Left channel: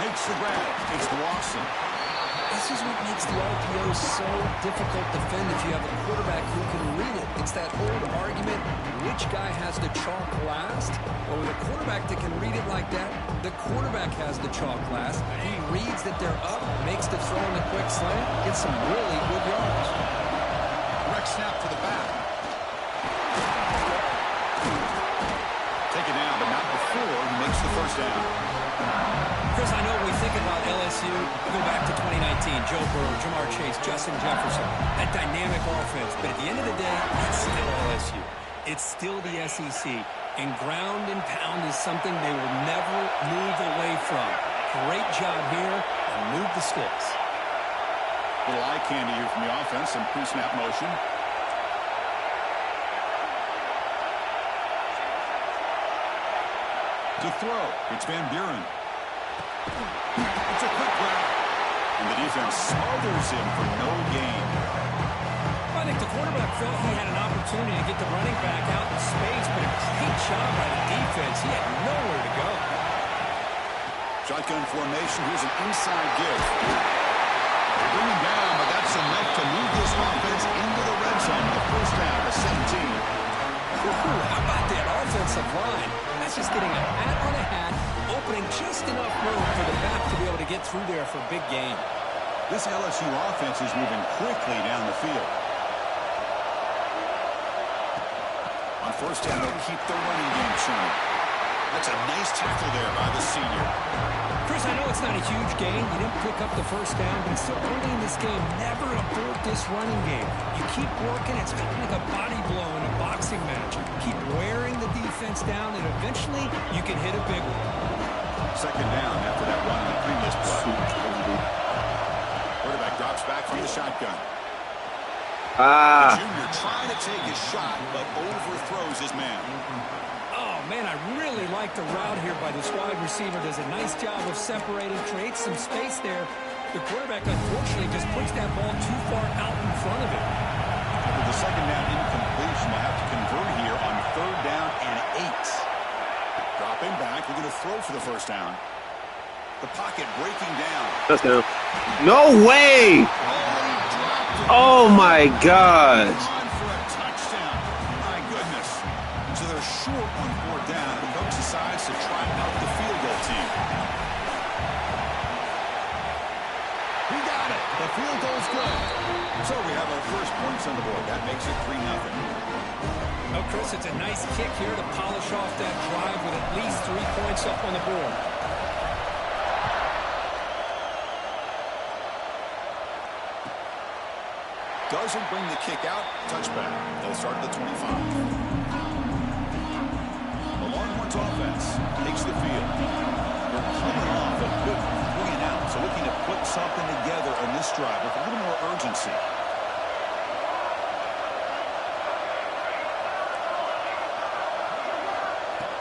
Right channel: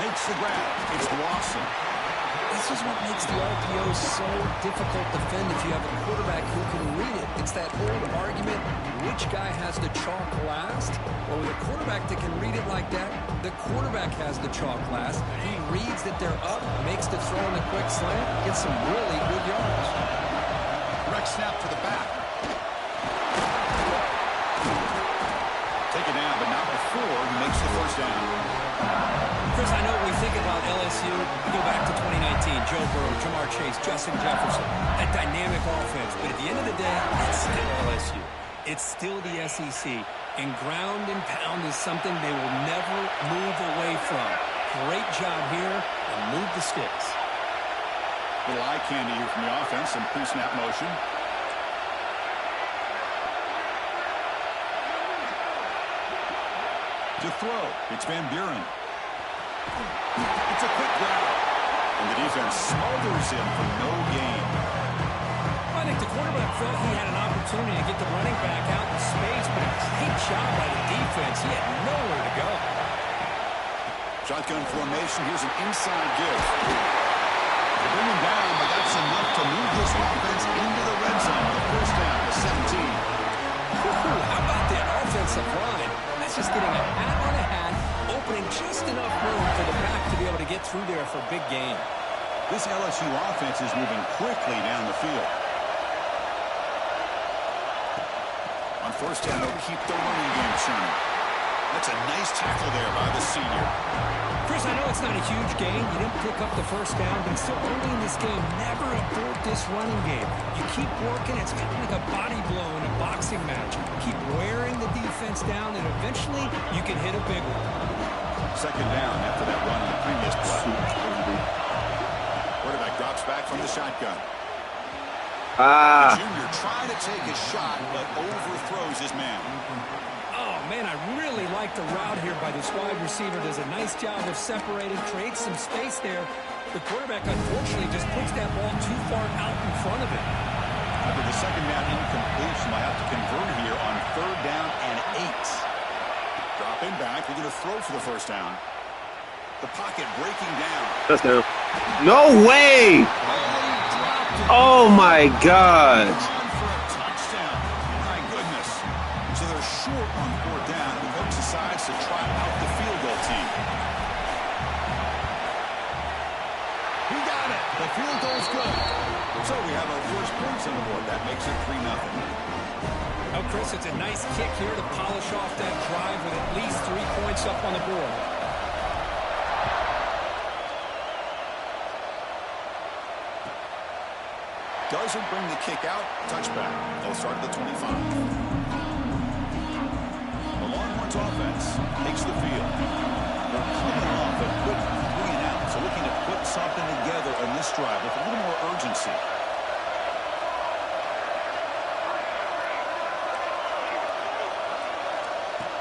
Makes the grab. It's Lawson. This is what makes the RPO so difficult to defend if you have a quarterback who can read it. It's that old argument, which guy has the chalk last? Well, with a quarterback that can read it like that, the quarterback has the chalk last. He reads that they're up, makes the throw in the quick slant, gets some really good yards. Direct snap to the back. Take it down, but not before he makes the first down. Chris, I know we think about LSU. We go back to 2019, Joe Burrow, Jamar Chase, Justin Jefferson, that dynamic offense. But at the end of the day, it's still LSU. It's still the SEC. And ground and pound is something they will never move away from. Great job here, and move the sticks. Little eye candy here from the offense, some pre-snap motion. To throw, it's Van Buren. It's a quick grab. And the defense smothers him for no gain. I think the quarterback felt he had an opportunity to get the running back out in space, but a great job by the defense. He had nowhere to go. Shotgun formation. Here's an inside give. They bring him down, but that's enough to move this offense into the red zone. The first down to 17. How about that offensive line? That's just getting a hat on a hat, opening just enough room for the back to be able to get through there for a big gain. This LSU offense is moving quickly down the field. On first down, they'll keep the running game churning. That's a nice tackle there by the senior. Chris, I know it's not a huge gain. You didn't pick up the first down, but it's still early in this game. Never abort this running game. You keep working. It's kind of like a body blow in a boxing match. Keep wearing the defense down, and eventually you can hit a big one. Second down after that run on the previous play. Quarterback drops back from the shotgun. The junior trying to take a shot, but overthrows his man. Oh, man, I really like the route here by this wide receiver. Does a nice job of separating, creates some space there. The quarterback, unfortunately, just puts that ball too far out in front of him. After the second down incompletion, we'll have to convert here on third down and 8. Dropping back, looking to throw for the first down. The pocket breaking down. Touchdown. No way! Oh, my God. On for a touchdown. My goodness. So they're short on fourth down, and the coach decides to try out the field goal team. He got it. The field goal's good. So we have our first points on the board. That makes it 3-0. Oh, Chris, it's a nice kick here to polish off that drive with at least 3 points up on the board. Doesn't bring the kick out. Touchback. They'll start at the 25. The Longhorns offense takes the field. They're coming off a good 3-and-out, so looking to put something together on this drive with a little more urgency.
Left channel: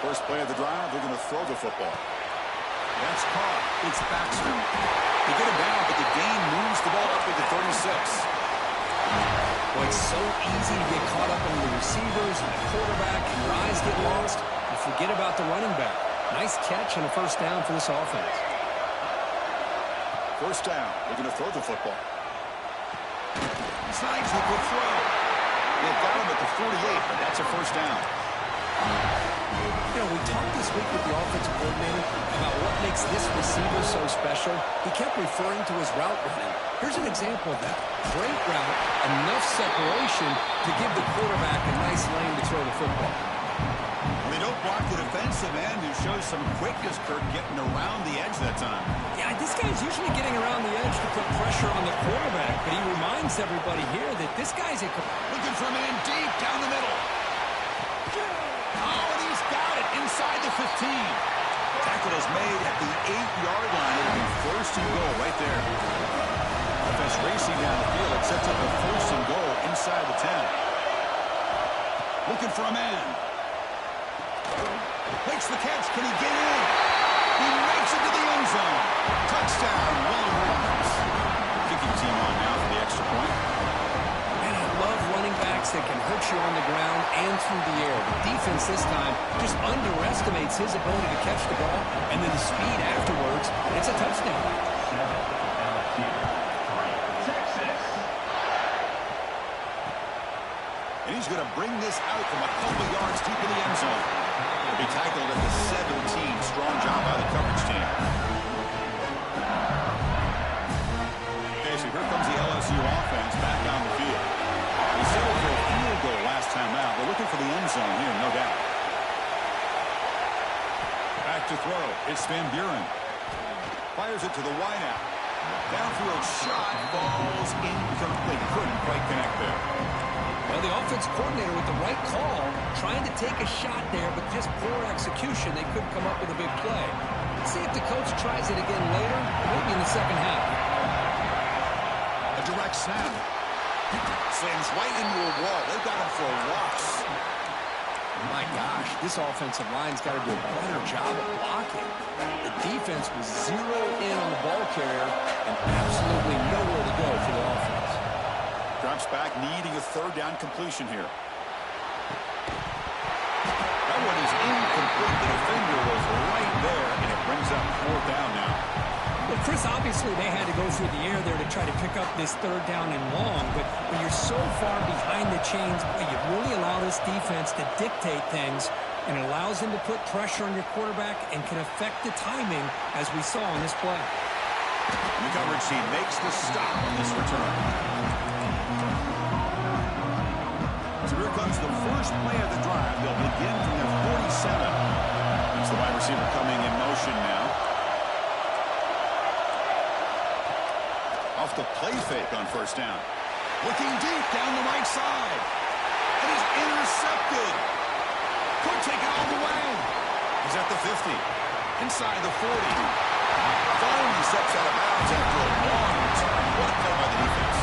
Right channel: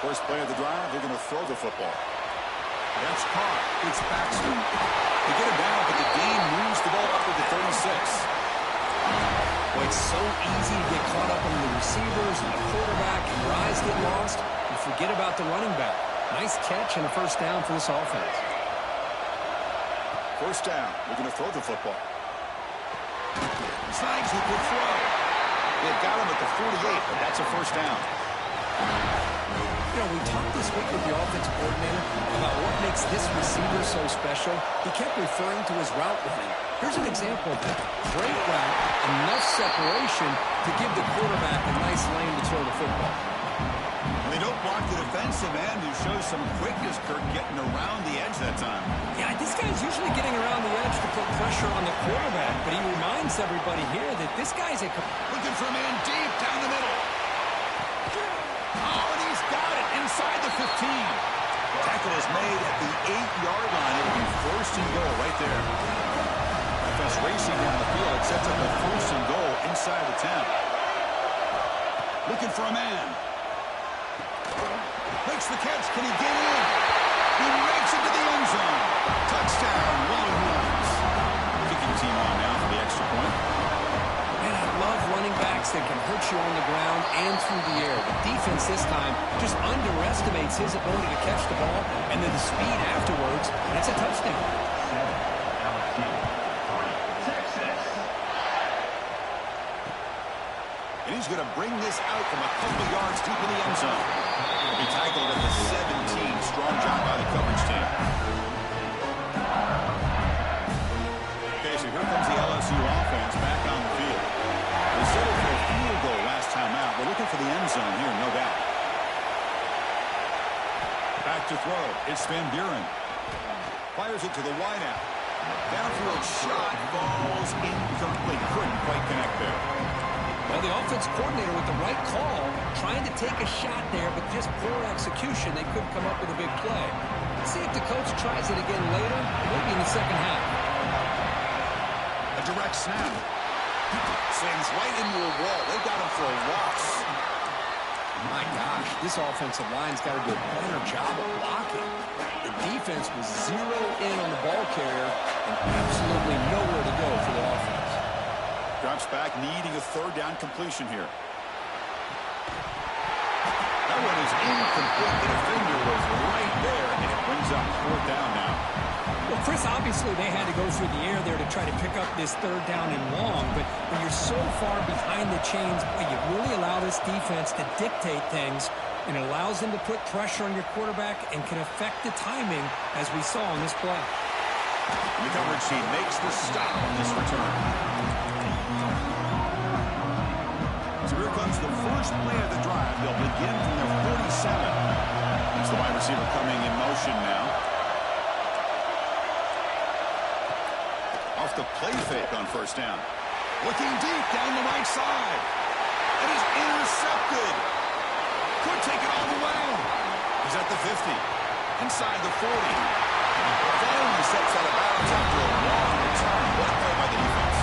First play of the drive, they're going to throw the football. That's caught. It's Baxter. They get him down, but the gain moves the ball up to the 36. Boy, it's so easy to get caught up on the receivers and the quarterback, and your eyes get lost. You forget about the running back. Nice catch and a first down for this offense. First down. They're going to throw the football. Snags the good throw. They've got him at the 48, but that's a first down. You know, we talked this week with the offensive coordinator about what makes this receiver so special. He kept referring to his route running. Here's an example of that. Great route, enough separation to give the quarterback a nice lane to throw the football. Well, they don't block the defensive end, who shows some quickness, Kirk, getting around the edge that time. Yeah, this guy's usually getting around the edge to put pressure on the quarterback, but he reminds everybody here that this guy's looking for a man deep down the middle. Oh, and he's got it inside the 15. Tackle is made at the 8-yard line. It'll be first and goal right there. Offense racing down the field. It sets up a first and goal inside the 10. Looking for a man. Makes the catch. Can he get in? He makes it to the end zone. Touchdown, Longhorns. Kicking team on now for the extra point. Man, I love running backs that can hurt you on the ground and through the air. The defense this time just underestimates his ability to catch the ball, and then the speed afterwards, and it's a touchdown. 7, LSU, 3, Texas. And he's going to bring this out from a couple yards deep in the end zone. He'll be tackled at the 17. Strong job by the coverage team. Okay, so here comes the LSU offense back on the field. They settled for a field goal last time out. They're looking for the end zone here, no doubt. Back to throw. It's Van Buren. Fires it to the wideout. Downfield shot falls incomplete. Couldn't quite connect there. Well, the offense coordinator with the right call, trying to take a shot there, but just poor execution. They couldn't come up with a big play. Let's see if the coach tries it again later, maybe in the second half. A direct snap. Slams right into a wall. They've got him for a loss. My gosh, this offensive line's got to do a better job of blocking. The defense was zeroed in on the ball carrier and absolutely nowhere to go for the offense. Drops back, needing a third down completion here. That one is incomplete. The defender was right there, and it brings up fourth down now. Well, Chris, obviously they had to go through the air there to try to pick up this third down and long, but when you're so far behind the chains, boy, you really allow this defense to dictate things, and it allows them to put pressure on your quarterback and can affect the timing, as we saw on this play. And the coverage team makes the stop on this return. So here comes the first play of the drive. They'll begin from their 47. It's the wide receiver coming in motion now. Off the play fake on first down. Looking deep down the right side. And he's intercepted. Could take it all the way. He's at the 50. Inside the 40. Finally steps out of bounds after a long return. What a play by the defense.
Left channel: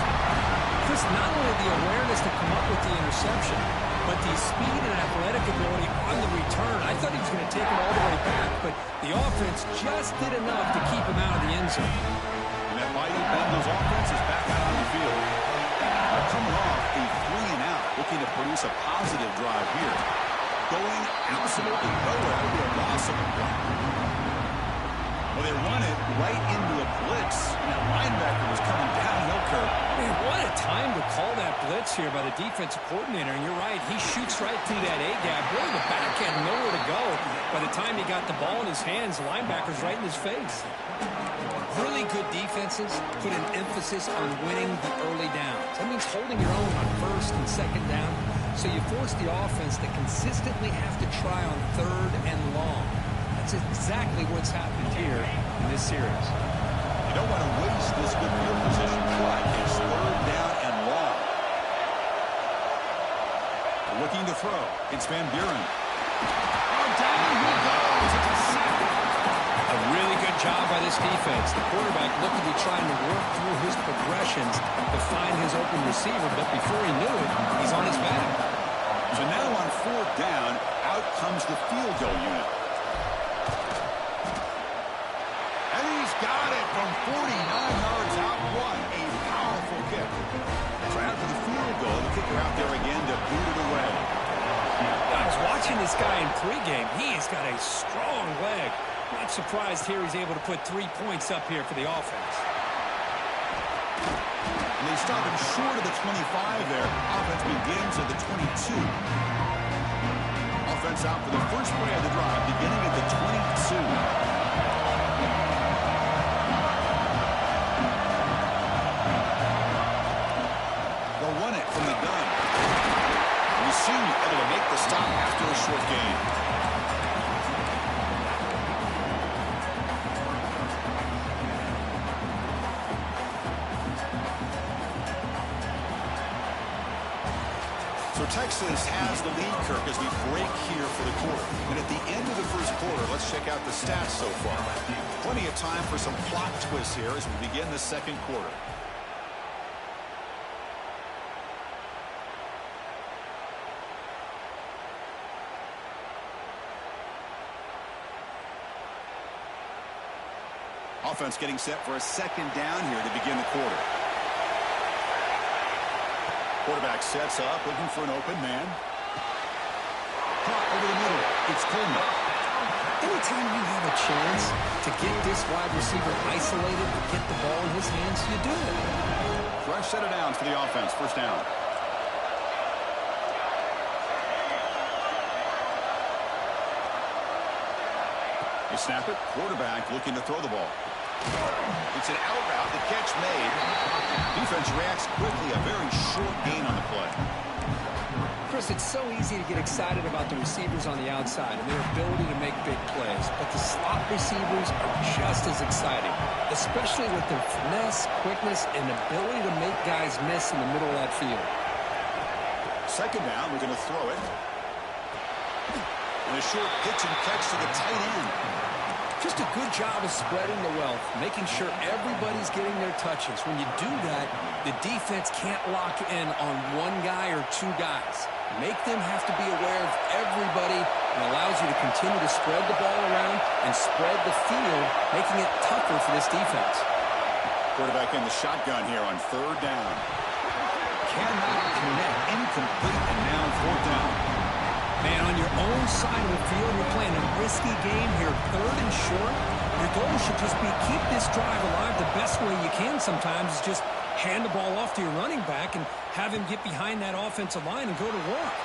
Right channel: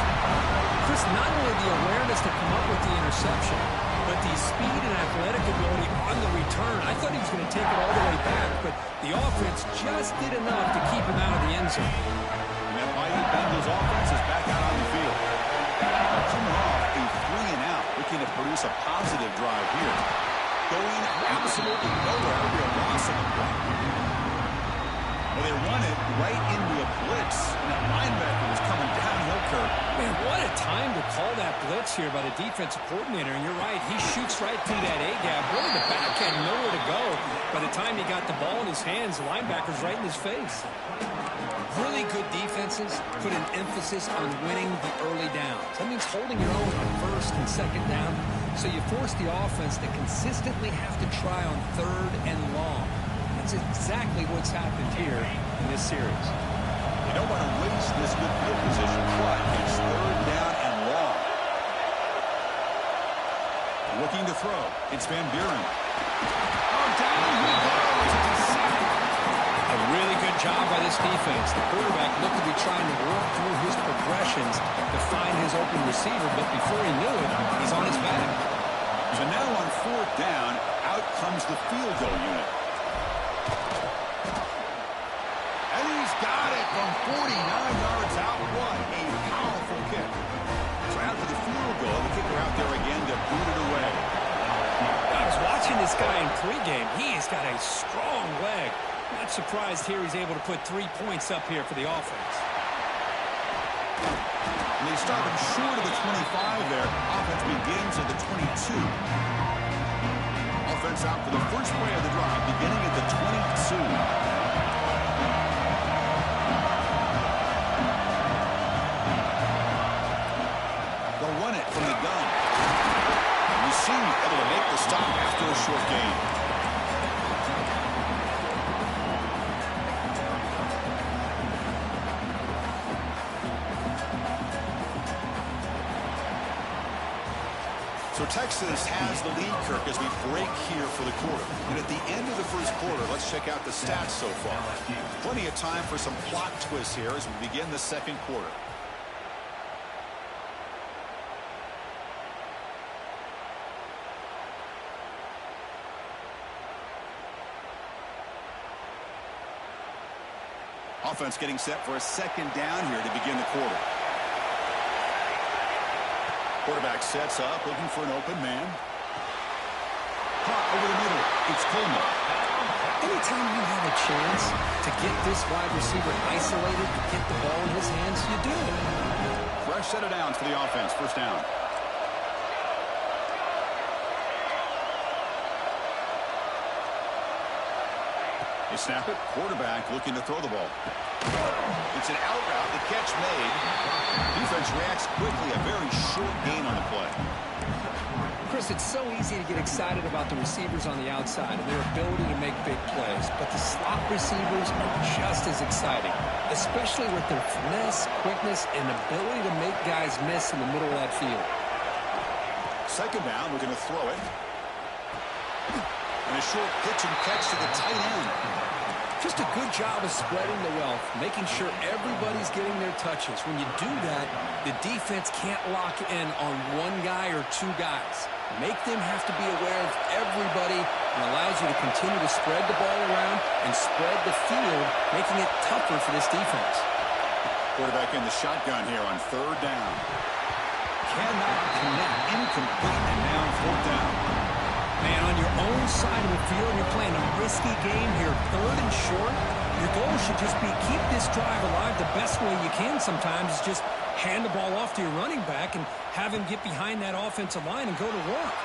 Chris, not only the awareness to come up with the interception, but the speed and athletic ability on the return. I thought he was going to take it all the way back, but the offense just did enough to keep him out of the end zone. And that mighty Bengals offense is back out on the field. Now coming off a 3-and-out, looking to produce a positive drive here. Going absolutely nowhere. That would be a loss of a point. Well, they run it right into a blitz, and that linebacker was coming downhill, Kirk. Man, what a time to call that blitz here by the defensive coordinator. And you're right, he shoots right through that A-gap. Really, the back had nowhere to go. By the time he got the ball in his hands, the linebacker's right in his face. Really good defenses put an emphasis on winning the early downs. That means holding your own on first and second down. So you force the offense to consistently have to try on third and long. That's exactly what's happened here in this series. You don't want to waste this good field position, but it's third down and long. Looking to throw. It's Van Buren. Oh, down he goes. It's a sack. A really good job by this defense. The quarterback looked to be trying to work through his progressions to find his open receiver, but before he knew it, he's on his back. So now on fourth down, out comes the field goal unit. And he's got it from 49 yards out. What a powerful kick. So after the field goal, the kicker out there again to boot it away. I was watching this guy in pregame. He has got a strong leg. Not surprised here he's able to put 3 points up here for the offense. And they stop him short of the 25 there. Offense begins at the 22. Offense out for the first play of the drive, beginning at the 22. They'll run it from the gun. And the senior able to make the stop after a short gain. So Texas has the lead, Kirk, as we break here for the quarter. And at the end of the first quarter, let's check out the stats so far. Plenty of time for some plot twists here as we begin the second quarter. Offense getting set for a second down here to begin the quarter. Quarterback sets up, looking for an open man. Caught over the middle. It's Coleman. Anytime you have a chance to get this wide receiver isolated, to get the ball in his hands, you do it. Fresh set of downs for the offense. First down. They snap it. Quarterback looking to throw the ball. It's an out route. The catch made. Defense reacts quickly. A very short gain on the play. Chris, it's so easy to get excited about the receivers on the outside and their ability to make big plays, but the slot receivers are just as exciting, especially with their finesse, quickness, and ability to make guys miss in the middle of that field. Second down, we're going to throw it. And a short pitch and catch to the tight end. Just a good job of spreading the wealth, making sure everybody's getting their touches. When you do that, the defense can't lock in on one guy or two guys. Make them have to be aware of everybody, and allows you to continue to spread the ball around and spread the field, making it tougher for this defense. Quarterback in the shotgun here on third down. Cannot connect. Incomplete, and now fourth down. Man, on your own side of the field, you're playing a risky game here, third and short. Your goal should just be keep this drive alive the best way you can sometimes is just hand the ball off to your running back and have him get behind that offensive line and go to work.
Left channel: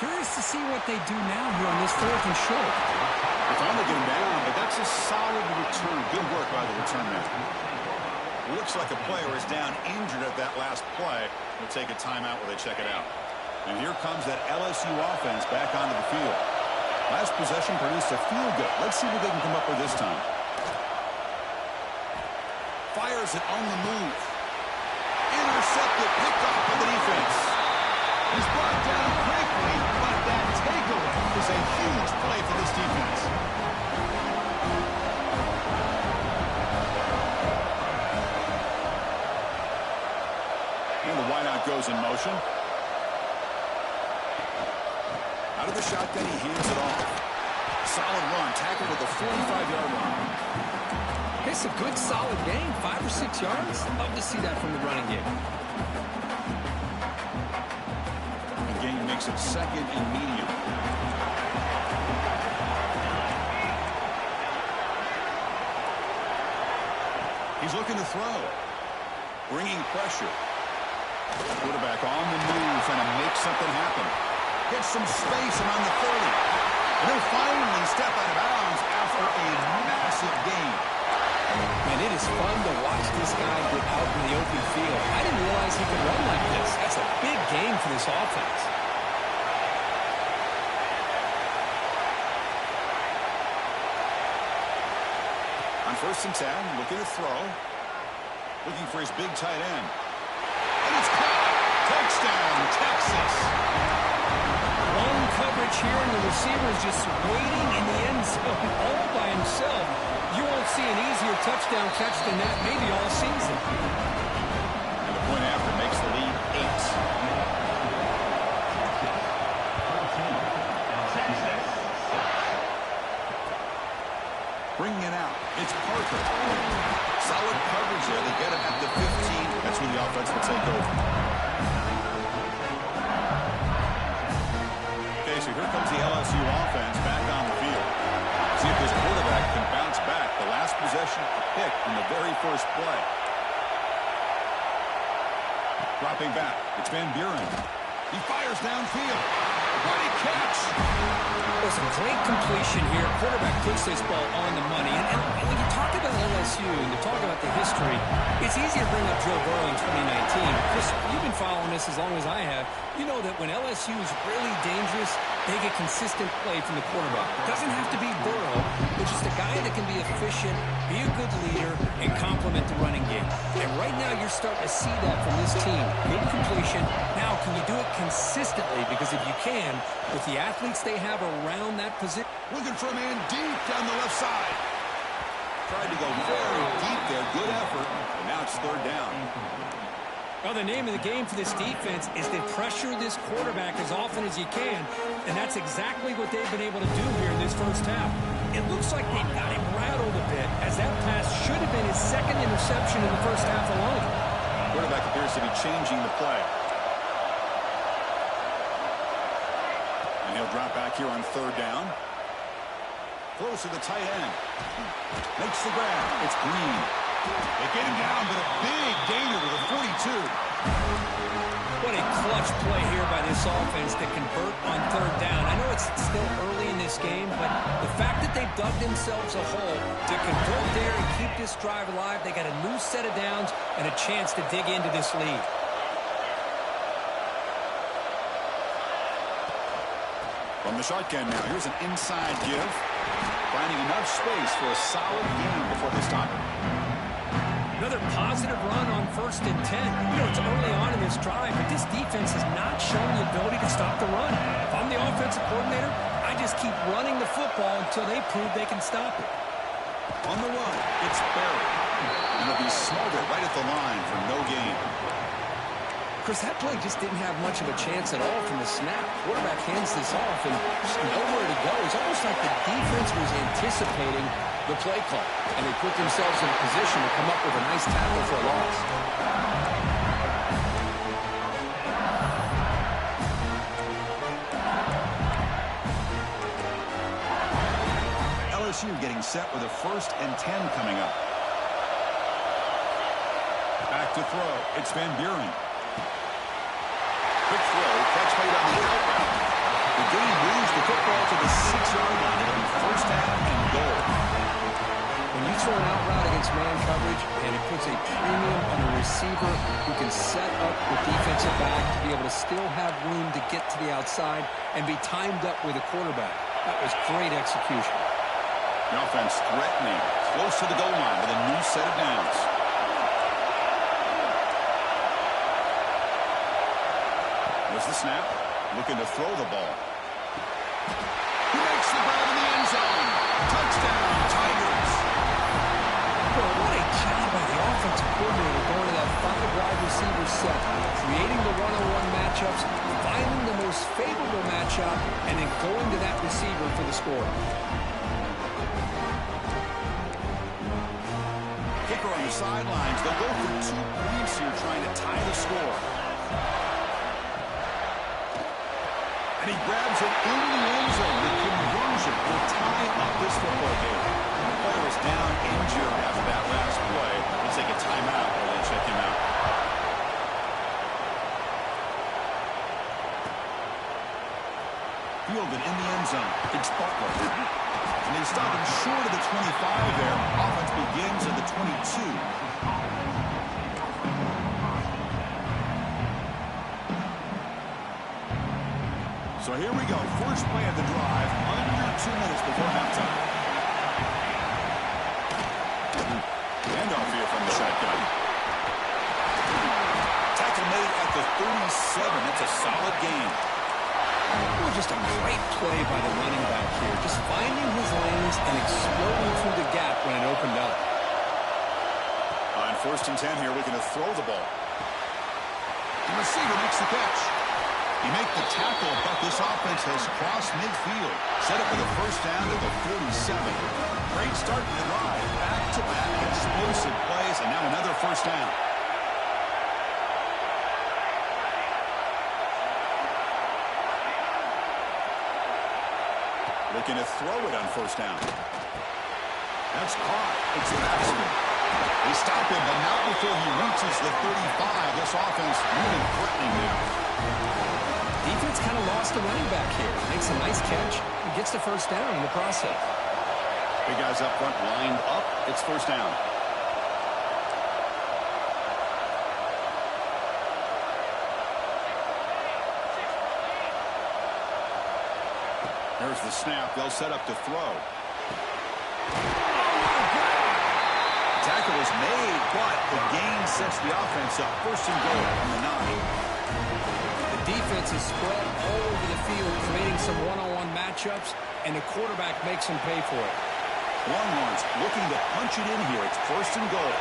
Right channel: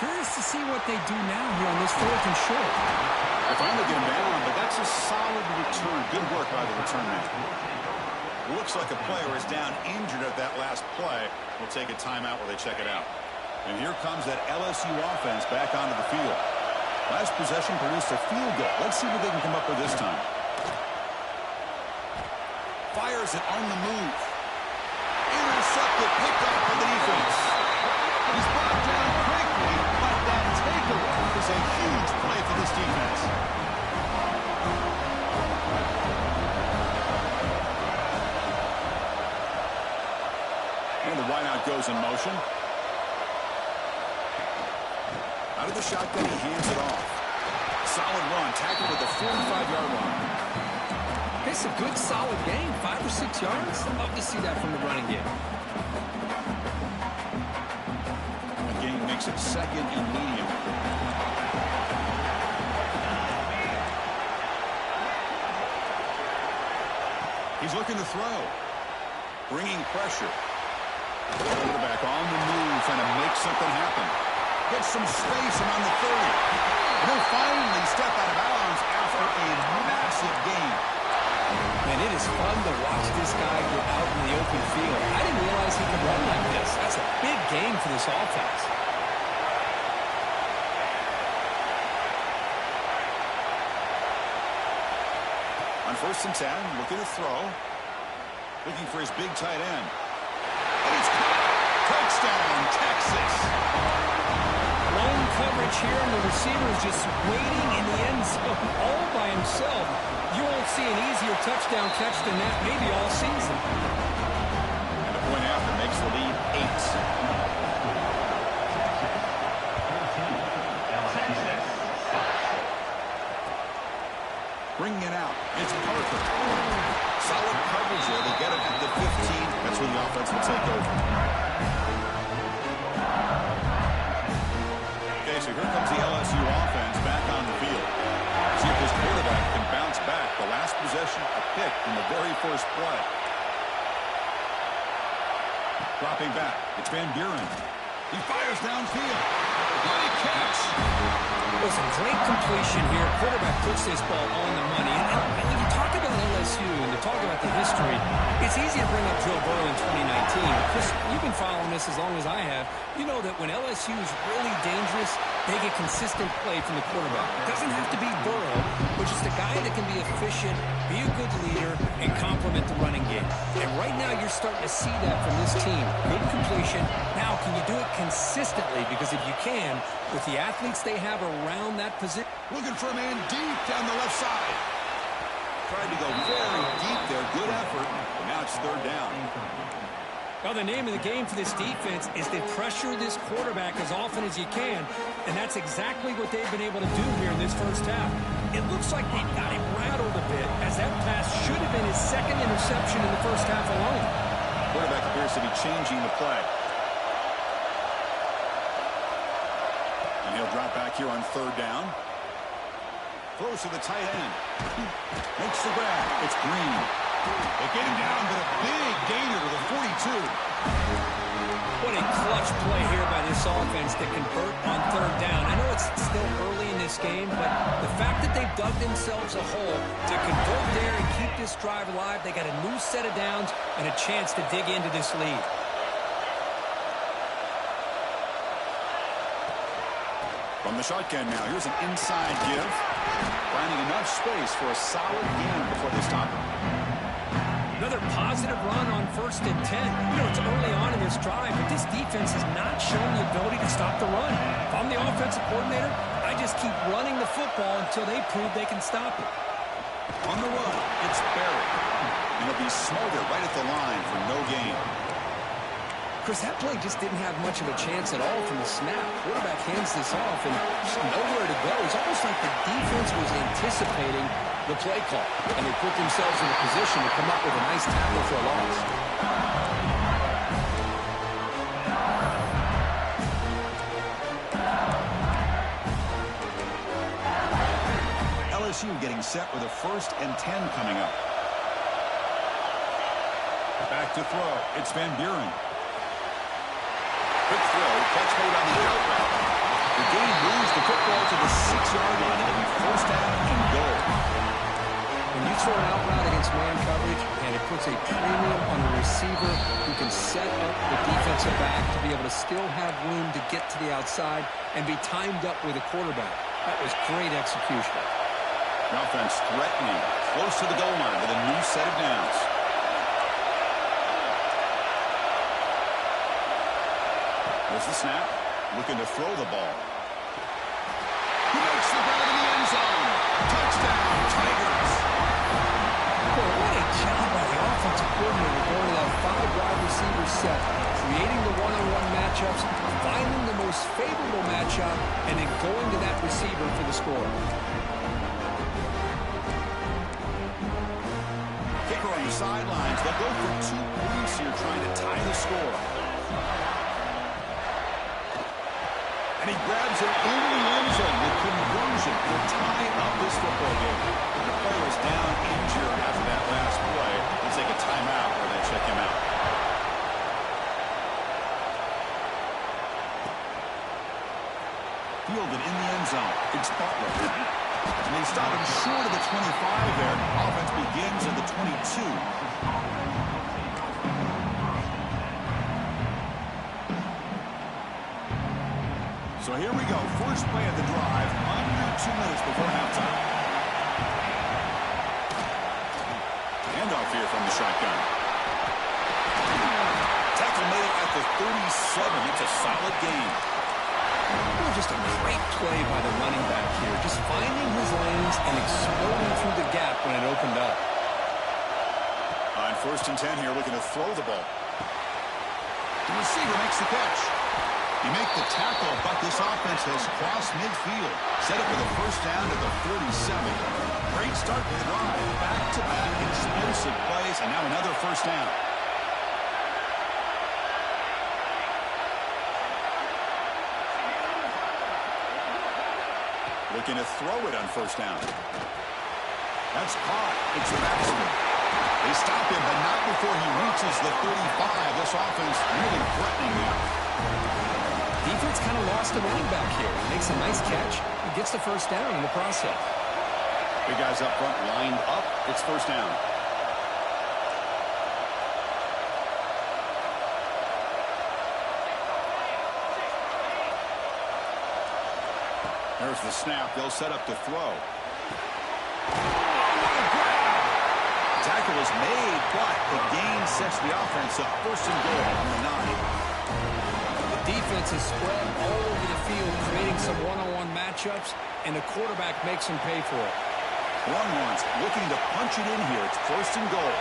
Curious to see what they do now here on this fourth and short. They finally get him down, but that's a solid return. Good work by the return man. Looks like a player is down injured at that last play. We'll take a timeout while they check it out. And here comes that LSU offense back onto the field. Last possession produced a field goal. Let's see what they can come up with this time. Fires it on the move. Intercepted, picked off by the defense. He's brought down quickly, but that takeaway is a huge play for this defense. And the wideout goes in motion. Out of the shotgun, he hands it off. Solid run, tackled at the 45-yard line. It's a good, solid game, 5 or 6 yards. Love to see that from the running game. The game makes it second and medium. He's looking to throw. Bringing pressure. Quarterback on the move, trying to make something happen. Gets some space around the 30. And he'll finally step out of bounds after a massive gain. Man, it is fun to watch this guy get out in the open field. I didn't realize he could run like this. That's a big game for this offense. On 1st and 10, looking to throw. Looking for his big tight end. And it's caught. Touchdown, Texas. Lone coverage here, and the receiver is just waiting in the end zone all by himself. You won't see an easier touchdown catch than that maybe all season. And the point after makes the lead 8. Bringing it out. It's Parker. Solid coverage there. They get it at the 15. That's where the offense will take over. Okay, so here comes the LSU offense back on the field. See if this quarterback can bounce back. The last possession, a pick in the very first play. Dropping back. It's Van Buren. He fires downfield. What a catch! Listen, great completion here. Quarterback puts this ball on the money. And when you talk about LSU and you talk about the history, it's easy to bring up Joe Burrow in 2019. Chris, you've been following this as long as I have. You know that when LSU is really dangerous, they get consistent play from the quarterback. It doesn't have to be Burrow, but just a guy that can be efficient, be a good leader, and complement the running game. And right now you're starting to see that from this team. Good completion. Now, can you do it consistently? Because if you can, with the athletes they have around that position. Looking for a man deep down the left side. Tried to go very deep there. Good effort. And now it's third down. Well, the name of the game for this defense is to pressure this quarterback as often as you can, and that's exactly what they've been able to do here in this first half. It looks like they've got him rattled a bit, as that pass should have been his second interception in the first half alone. Quarterback appears to be changing the play. They'll drop back here on third down. Throws to the tight end. Makes the grab. It's Green. They get him down, but a big gainer to the 42. What a clutch play here by this offense to convert on third down. I know it's still early in this game, but the fact that they've dug themselves a hole to convert there and keep this drive alive, they got a new set of downs and a chance to dig into this lead. From the shotgun now, here's an inside give. Finding enough space for a solid gain before they stop it. Another positive run on 1st and 10. You know, it's early on in this drive, but this defense has not shown the ability to stop the run. If I'm the offensive coordinator, I just keep running the football until they prove they can stop it. On the run, it's Barry. And it'll be smothered right at the line for no gain. Chris, that play just didn't have much of a chance at all from the snap. Quarterback hands this off and just nowhere to go. It's almost like the defense was anticipating the play call, and they put themselves in a position to come up with a nice tackle for a loss. LSU getting set with a 1st and 10 coming up. Back to throw. It's Van Buren. Quick throw, catch made on the out route. The gain moves the football to the 6-yard line. It'll be 1st down and goal. When you throw an out route against man coverage, and it puts a premium on a receiver who can set up the defensive back to be able to still have room to get to the outside and be timed up with a quarterback. That was great execution. The offense threatening, close to the goal line with a new set of downs. There's the snap, looking to throw the ball. He makes the grab in the end zone. Touchdown, Tigers. Well, what a job by the offensive coordinator going to that 5-wide receiver set, creating the one-on-one matchups, finding the most favorable matchup, and then going to that receiver for the score. Kicker on the sidelines. They'll go for 2 points here, trying to tie the score. And he grabs it in the end zone. The conversion will tie up this football game. And the player is down injured after that last play. They take a timeout or they check him out. Fielded in the end zone. It's Butler. And they stop him short of the 25 there. Offense begins at the 22. So here we go. First play of the drive. Under 2 minutes before halftime. Handoff here from the shotgun. Tackle made at the 37. That's a solid gain. Well, just a great play by the running back here. Just finding his lanes and exploding through the gap when it opened up. On 1st and 10 here, looking to throw the ball. The receiver makes the catch. He make the tackle, but this offense has crossed midfield. Set up for the 1st down at the 47. Great start to the drive. Back-to-back explosive plays, and now another 1st down. Looking to throw it on 1st down. That's caught. It's Baxter. They stop him, but not before he reaches the 35. This offense really threatening now. Defense kind of lost a running back here. He makes a nice catch and gets the 1st down in the process. Big guys up front lined up. It's 1st down. There's the snap. They'll set up to throw. Oh, what a grab! Tackle is made, but the gain sets the offense up. 1st and goal from the 9. Defense is spread all over the field, creating some one-on-one matchups, and the quarterback makes them pay for it. Longhorns looking to punch it in here. It's 1st and goal.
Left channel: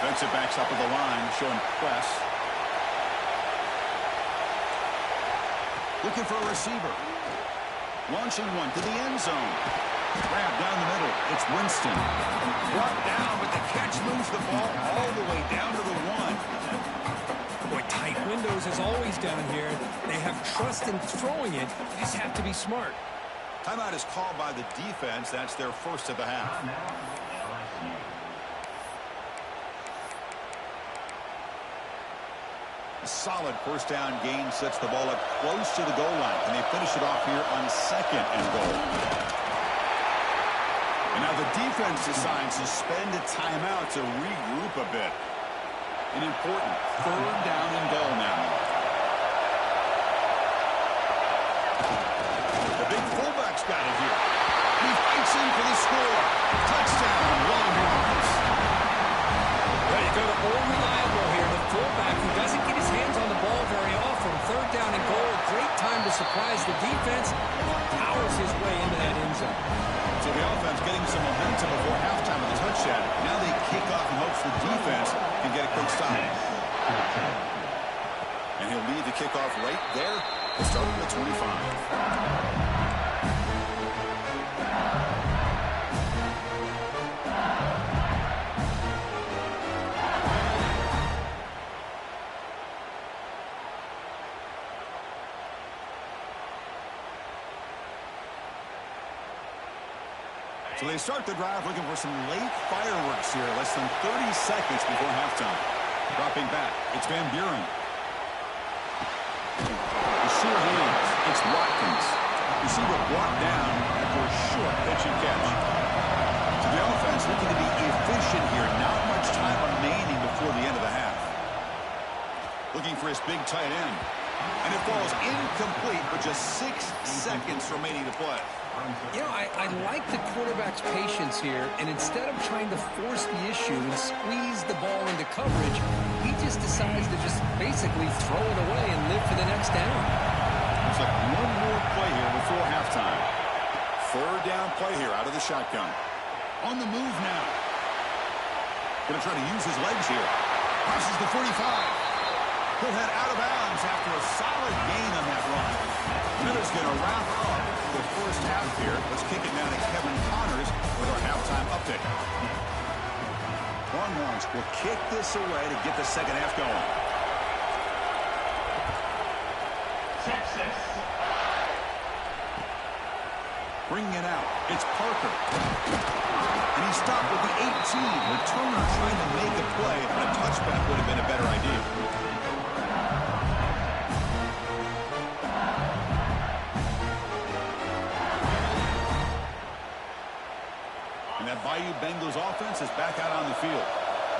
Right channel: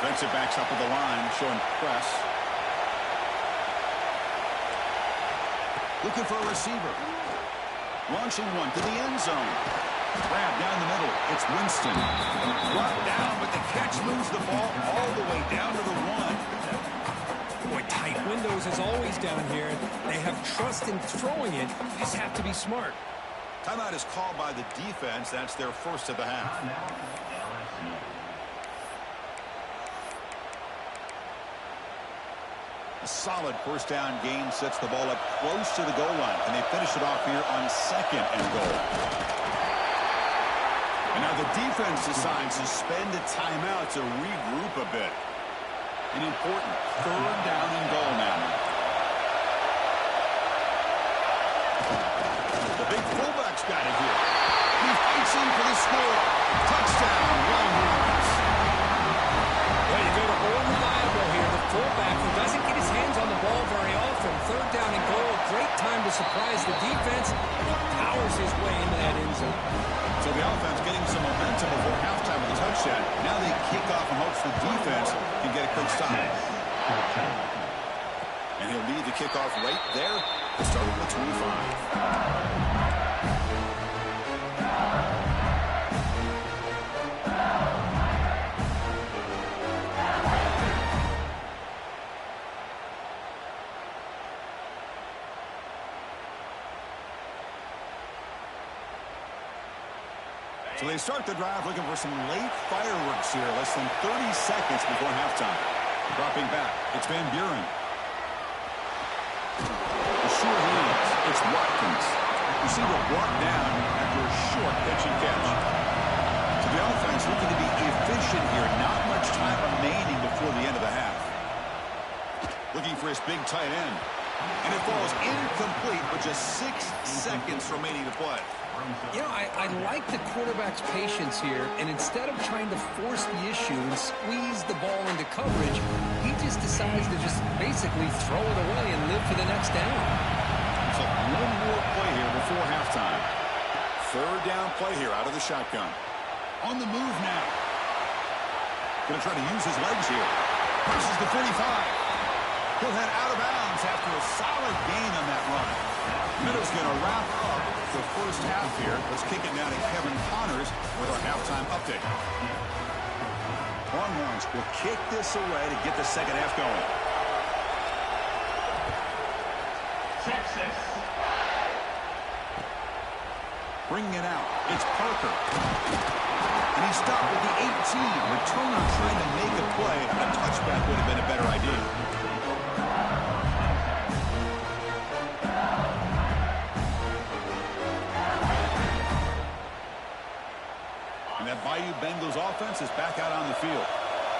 Defensive backs up at the line, showing press. Looking for a receiver. Launching one to the end zone. Grab down the middle. It's Winston. Brought down, but the catch moves the ball all the way down to the 1. Boy, tight windows as always down here. They have trust in throwing it. They just have to be smart. Timeout is called by the defense. That's their first of the half. LSU. A solid first down gain sets the ball up close to the goal line. Can they finish it off here on 2nd and goal? And now the defense decides to spend a timeout to regroup a bit. An important 3rd down and goal now. The big fullback's got it here. He fights in for the score. Touchdown, Longhorns. Well, you go to old reliable here, the fullback who doesn't get his hands on the ball very often. 3rd down and goal, great time to surprise the defense, and he powers his way into that end zone. So the offense getting some momentum before halftime with a touchdown. Now they kick off in hopes the defense can get a quick stop. And he'll lead the kickoff right there. He'll start with 25. So they start the drive looking for some late fireworks here. Less than 30 seconds before halftime. Dropping back. It's Van Buren. The sure hands. It's Watkins. Receiver brought down after a short pitch and catch. So the offense looking to be efficient here. Not much time remaining before the end of the half. Looking for his big tight end. And it falls incomplete with just 6 seconds remaining to play. You know, I like the quarterback's patience here, and instead of trying to force the issue and squeeze the ball into coverage, he just decides to just basically throw it away and live for the next down. Looks like one more play here before halftime. 3rd down play here out of the shotgun. On the move now. Going to try to use his legs here. Crosses the 45. He'll head out of bounds after a solid gain on that run. Minnows going to wrap up the first half here. Let's kick it now to Kevin Connors with our halftime update. Longhorns will kick this away to get the second half going. Texas. Bringing it out. It's Parker. And he stopped with the 18. Returner trying to make a play, but a touchback would have been a better idea. And that Bayou Bengals offense is back out on the field.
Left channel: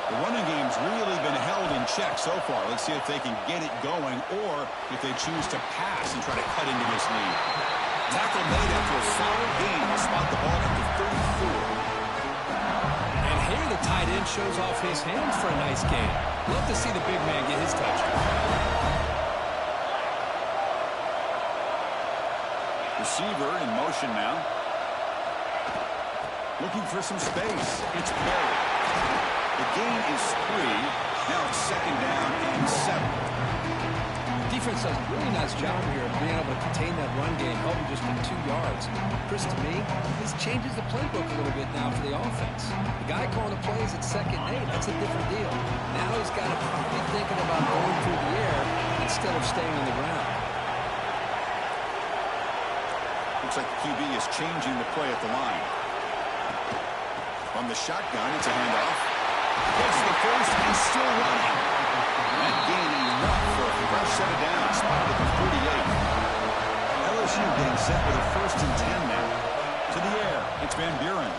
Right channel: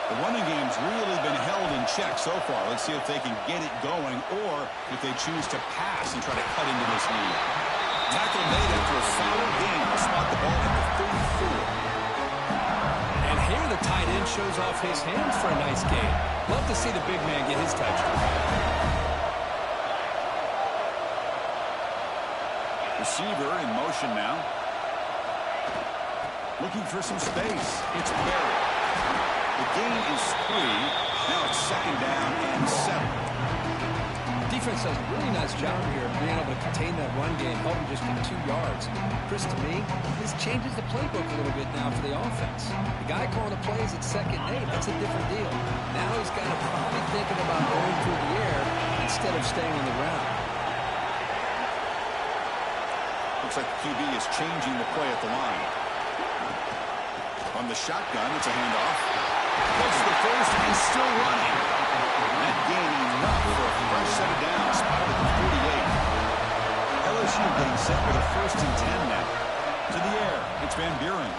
The running game's really been held in check so far. Let's see if they can get it going or if they choose to pass and try to cut into this lead. Tackle made after a solid gain. They'll spot the ball at the 34. And here the tight end shows off his hands for a nice gain. Love to see the big man get his touch. Receiver in motion now. Looking for some space. It's Berry. The gain is 3. Now it's 2nd down and 7. Defense does a really nice job here of being able to contain that run game, helping just get 2 yards. Chris, to me, this changes the playbook a little bit now for the offense. The guy calling the plays at 2nd and 8, that's a different deal. Now he's got to probably thinking about going through the air instead of staying on the ground. Looks like the QB is changing the play at the line. From the shotgun, it's a handoff. Gets the first and still running. That gain enough for a fresh set of downs. Spotted at the 48. LSU getting set with a 1st and 10 now. To the air. It's Van Buren.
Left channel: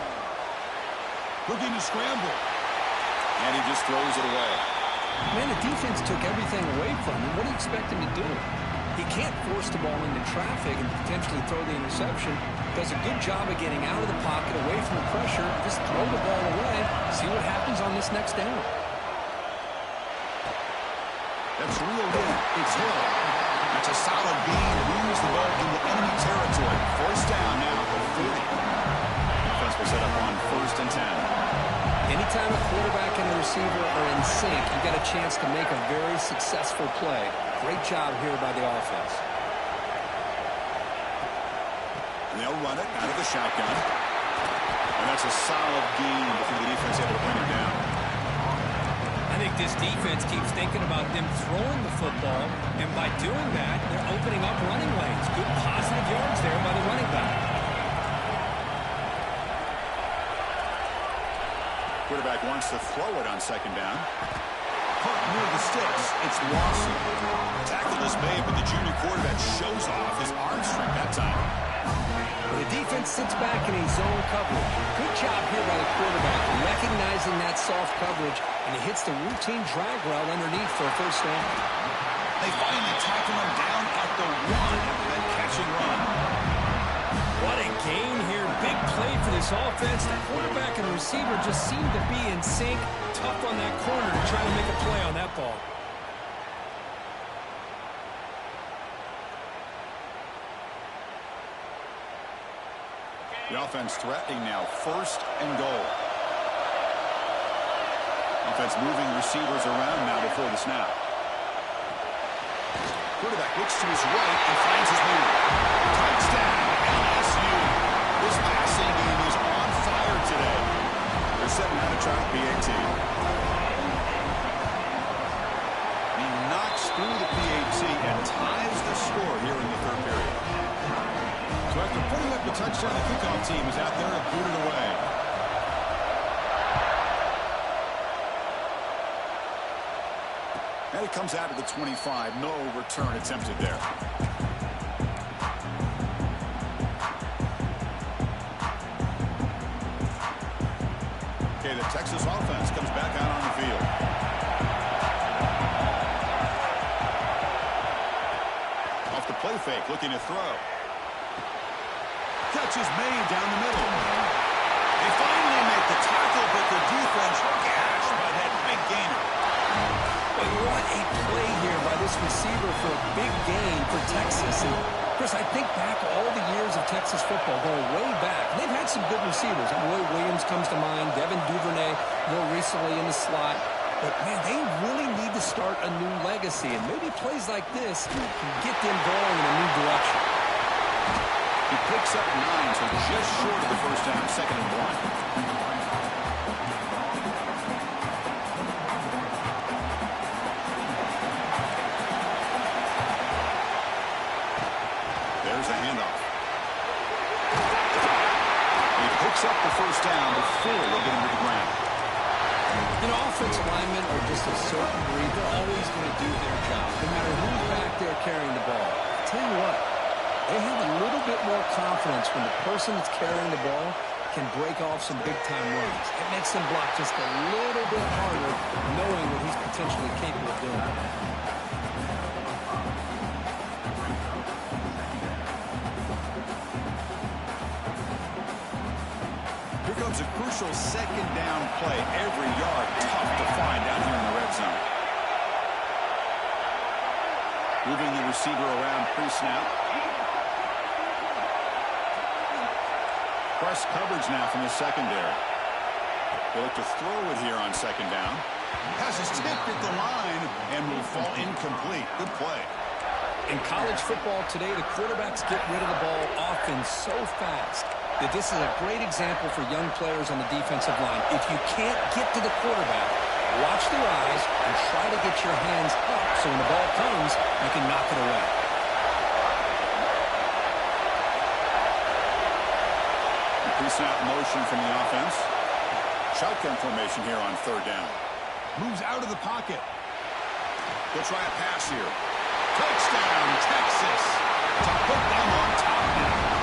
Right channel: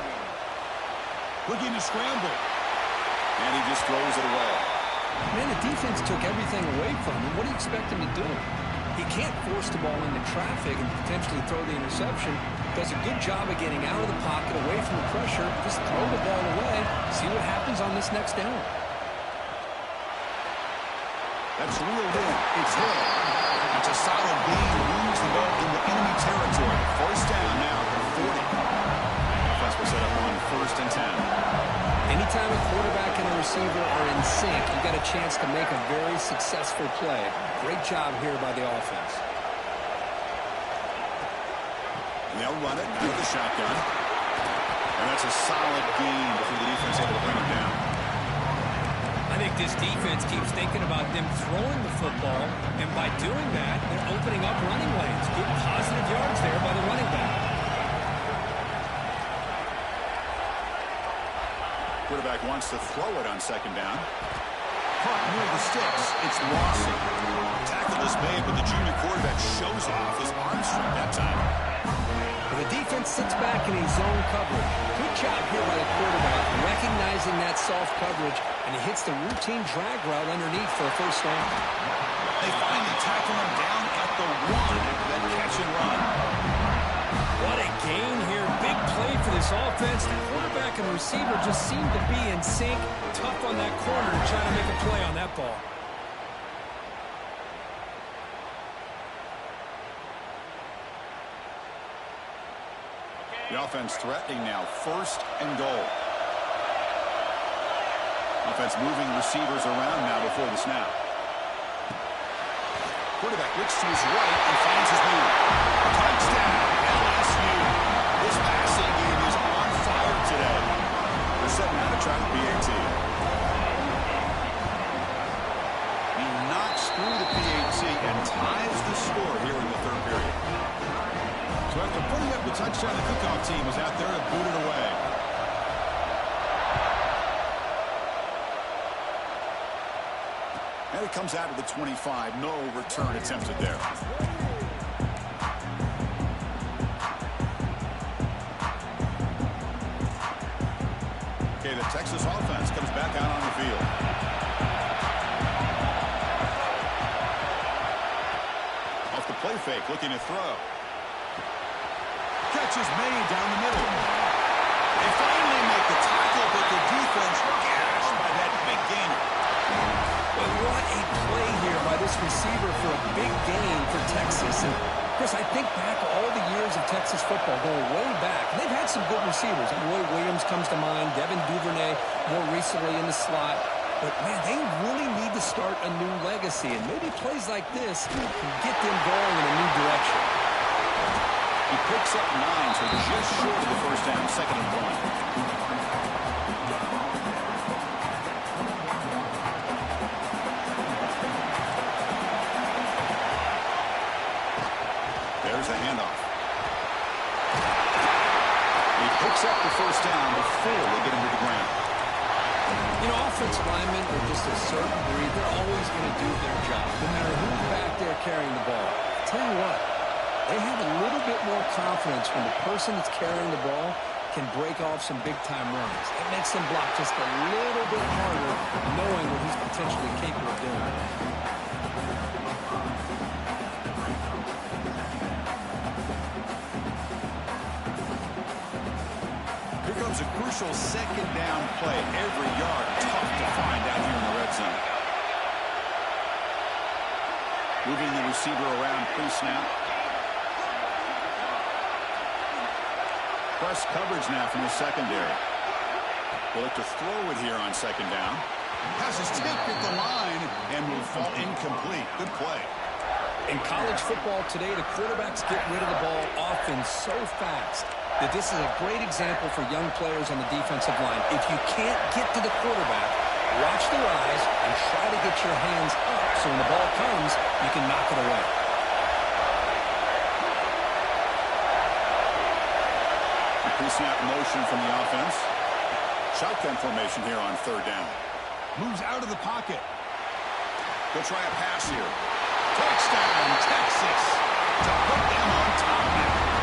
Looking to scramble. And he just throws it away. Man, the defense took everything away from him. What do you expect him to do? He can't force the ball into traffic and potentially throw the interception. Does a good job of getting out of the pocket, away from the pressure. Just throw the ball away. See what happens on this next down. That's reeled in. It's Hill. That's a solid gain. Moves the ball into enemy territory. 1st down now at the 40. Offense will set up on 1st and 10. Anytime a quarterback and a receiver are in sync, you got a chance to make a very successful play. Great job here by the offense. And they'll run it out of the shotgun. And that's a solid gain before the defense able to bring it down. I think this defense keeps thinking about them throwing the football, and by doing that, they're opening up running lanes. Good positive yards there by the running back. Quarterback wants to throw it on second down. Caught near the sticks. It's Lawson. Tackle is made, but the junior quarterback shows off his arm strength that time. The defense sits back in a zone coverage. Good job here by the quarterback, recognizing that soft coverage, and he hits the routine drag route underneath for a first down. They finally tackle him down at the 1 after that catch and run. What a gain here. Big play for this offense. The quarterback and receiver just seem to be in sync. Tough on that corner to try to make a play on that ball. The offense threatening now, first and goal. Offense moving receivers around now before the snap. Quarterback looks to his right and finds his move. Touchdown, LSU. This passing game is on fire today. They're setting out to try the PAT. He knocks through the PAT and ties the score here in the third period. So after putting up the touchdown, the kickoff team is out there to boot it away. And it comes out of the 25. No return attempted there. Okay, the Texas offense comes back out on the field. Off the play fake, looking to throw. Catch is made down the middle. They finally make the tackle, but the defense gashed by that big gainer. But what a play here by this receiver for a big gain for Texas. And, Chris, I think back all the years of Texas football, going way back. They've had some good receivers. Roy Williams comes to mind, Devin Duvernay more recently in the slot. But, man, they really need to start a new legacy. And maybe plays like this can get them going in a new direction. He picks up 9, so just short of the first down, 2nd and 1. There's the handoff. He picks up the first down before they get him to the ground. You know, offensive linemen are just a certain breed. They're always going to do their job, no matter who's back there carrying the ball. I'll tell you what. They have a little bit more confidence when the person that's carrying the ball can break off some big-time runs. It makes them block just a little bit harder, knowing what he's potentially capable of doing. Here comes a crucial second down play. Every yard tough to find out here in the red zone. Moving the receiver around pre-snap. Press coverage now from the secondary. They look to throw it here on second down. Has his tip at the line and will fall incomplete. Good play. In college football today, the quarterbacks get rid of the ball often so fast that this is a great example for young players on the defensive line. If you can't get to the quarterback, watch their eyes and try to get your hands up so when the ball comes, you can knock it away. Pre-snap motion from the offense. Shotgun formation here on third down. Moves out of the pocket. They'll try a pass here. Touchdown, Texas, to put them on top now.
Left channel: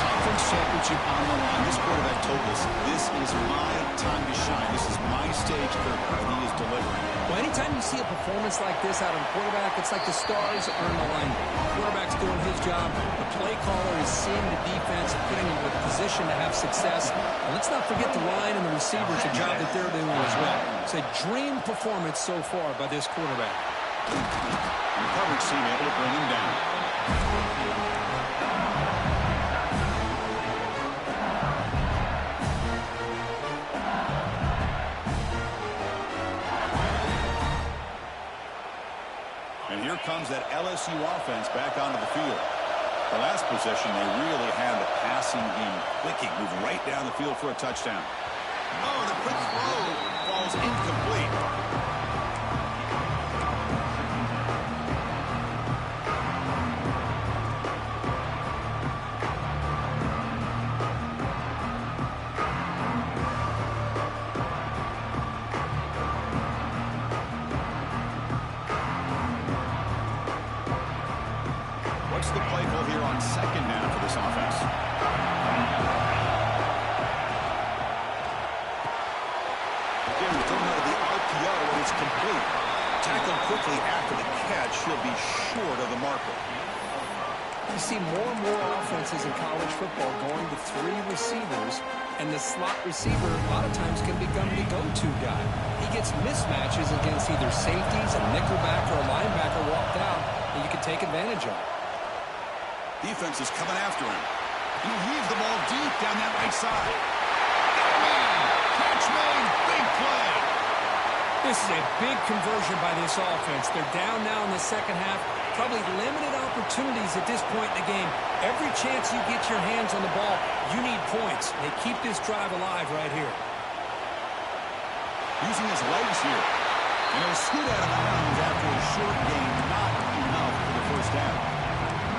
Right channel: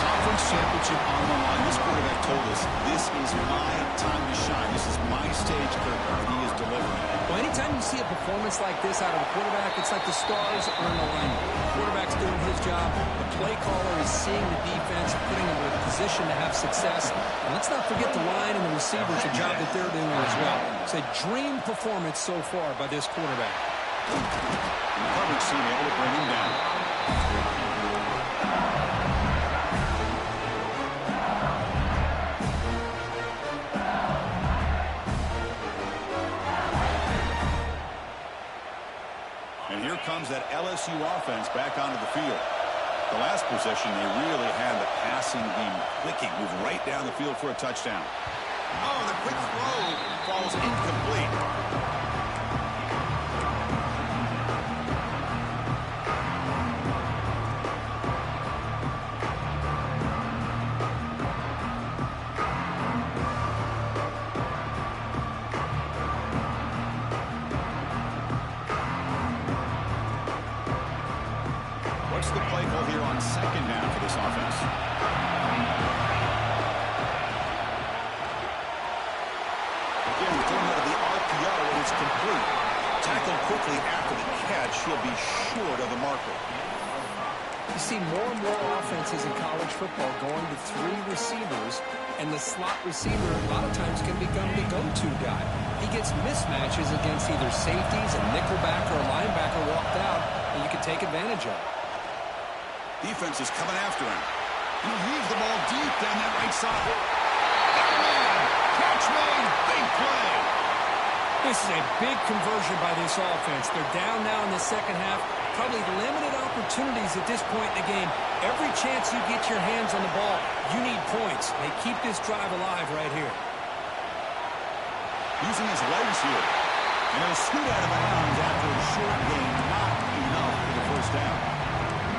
Conference championship on the line. This quarterback told us, this is my time to shine. This is my stage curtain, and he is delivering. Well, anytime you see a performance like this out of a quarterback, it's like the stars are in alignment. The quarterback's doing his job. The play caller is seeing the defense and putting them in a position to have success. And let's not forget the line and the receivers, the job that they're doing as well. It's a dream performance so far by this quarterback. And the coverage team able to bring him down. And here comes that LSU offense back onto the field. The last possession, they really had the passing game clicking, moving right down the field for a touchdown. Oh, the quick throw falls incomplete. What's the play call here on second down for this offense? Again, thrown out of the RPO, and it's complete. Tackled quickly after the catch. He'll be short of the marker. You see more and more offenses in college football going to 3 receivers, and the slot receiver a lot of times can become the go-to guy. He gets mismatches against either safeties, a nickelback, or a linebacker walked out, and you can take advantage of it. Defense is coming after him. He'll leave the ball deep down that right side. Got a man. Catch made. Big play. This is a big conversion by this offense. They're down now in the second half. Probably limited opportunities at this point in the game. Every chance you get your hands on the ball, you need points. They keep this drive alive right here. Using his legs here. And he'll scoot out of bounds after a short gain. Not enough for the first down.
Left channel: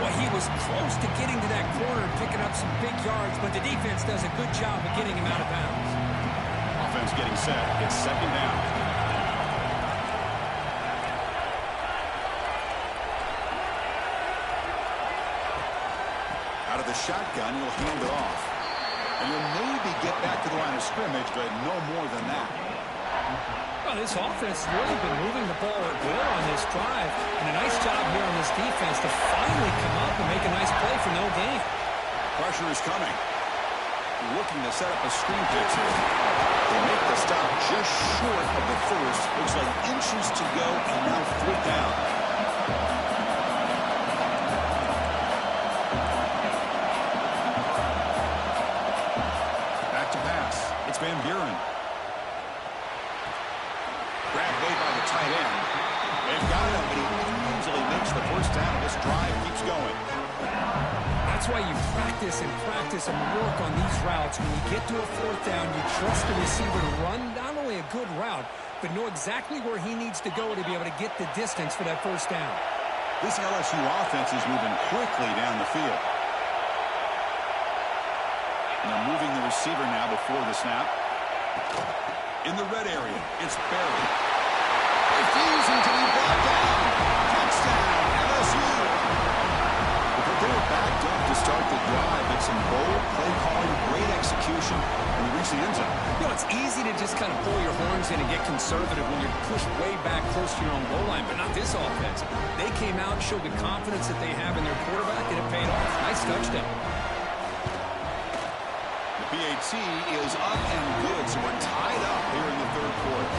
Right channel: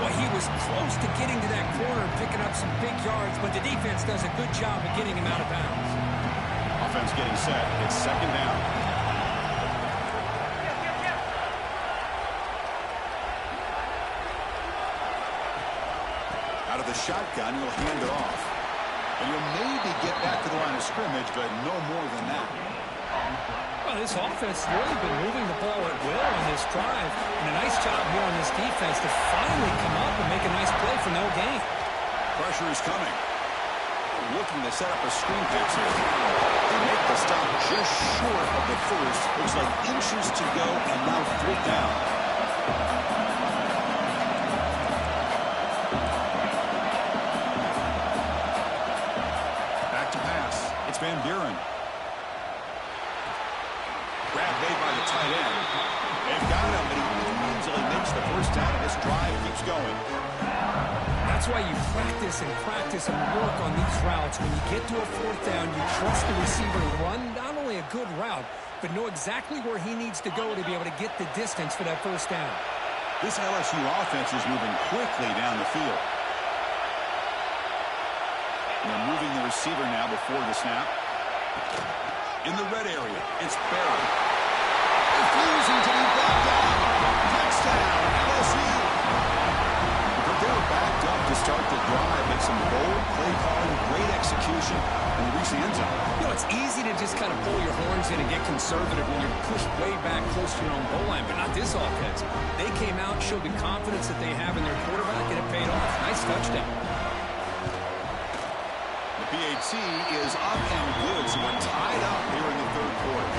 Well, he was close to getting to that corner and picking up some big yards, but the defense does a good job of getting him out of bounds. Offense getting set. It's second down. Out of the shotgun, he'll hand it off. And he'll maybe get back to the line of scrimmage, but no more than that. Well, this offense has really been moving the ball at will on this drive. And a nice job here on this defense to finally come up and make a nice play for no gain. Pressure is coming. Looking to set up a screen pass here. They make the stop just short of the first. Looks like inches to go, and now 3rd down. Back to pass. It's Van Buren. Grab made by the tight end. They've got him, but he easily makes the first down, and this drive keeps going. That's why you practice and work on these routes. When you get to a 4th down, you trust the receiver to run not only a good route, but know exactly where he needs to go to be able to get the distance for that first down. This LSU offense is moving quickly down the field. And they're moving the receiver now before the snap. In the red area, it's Barry. Refusing to be brought down. Touchdown, LSU. They were backed up to start the drive, but some bold play calling, great execution, and they reached the end zone. You know, it's easy to just kind of pull your horns in and get conservative when you're pushed way back close to your own goal line, but not this offense. They came out, showed the confidence that they have in their quarterback, and it paid off. Nice touchdown. The PAT is up and good, so we're tied up here in the 3rd quarter.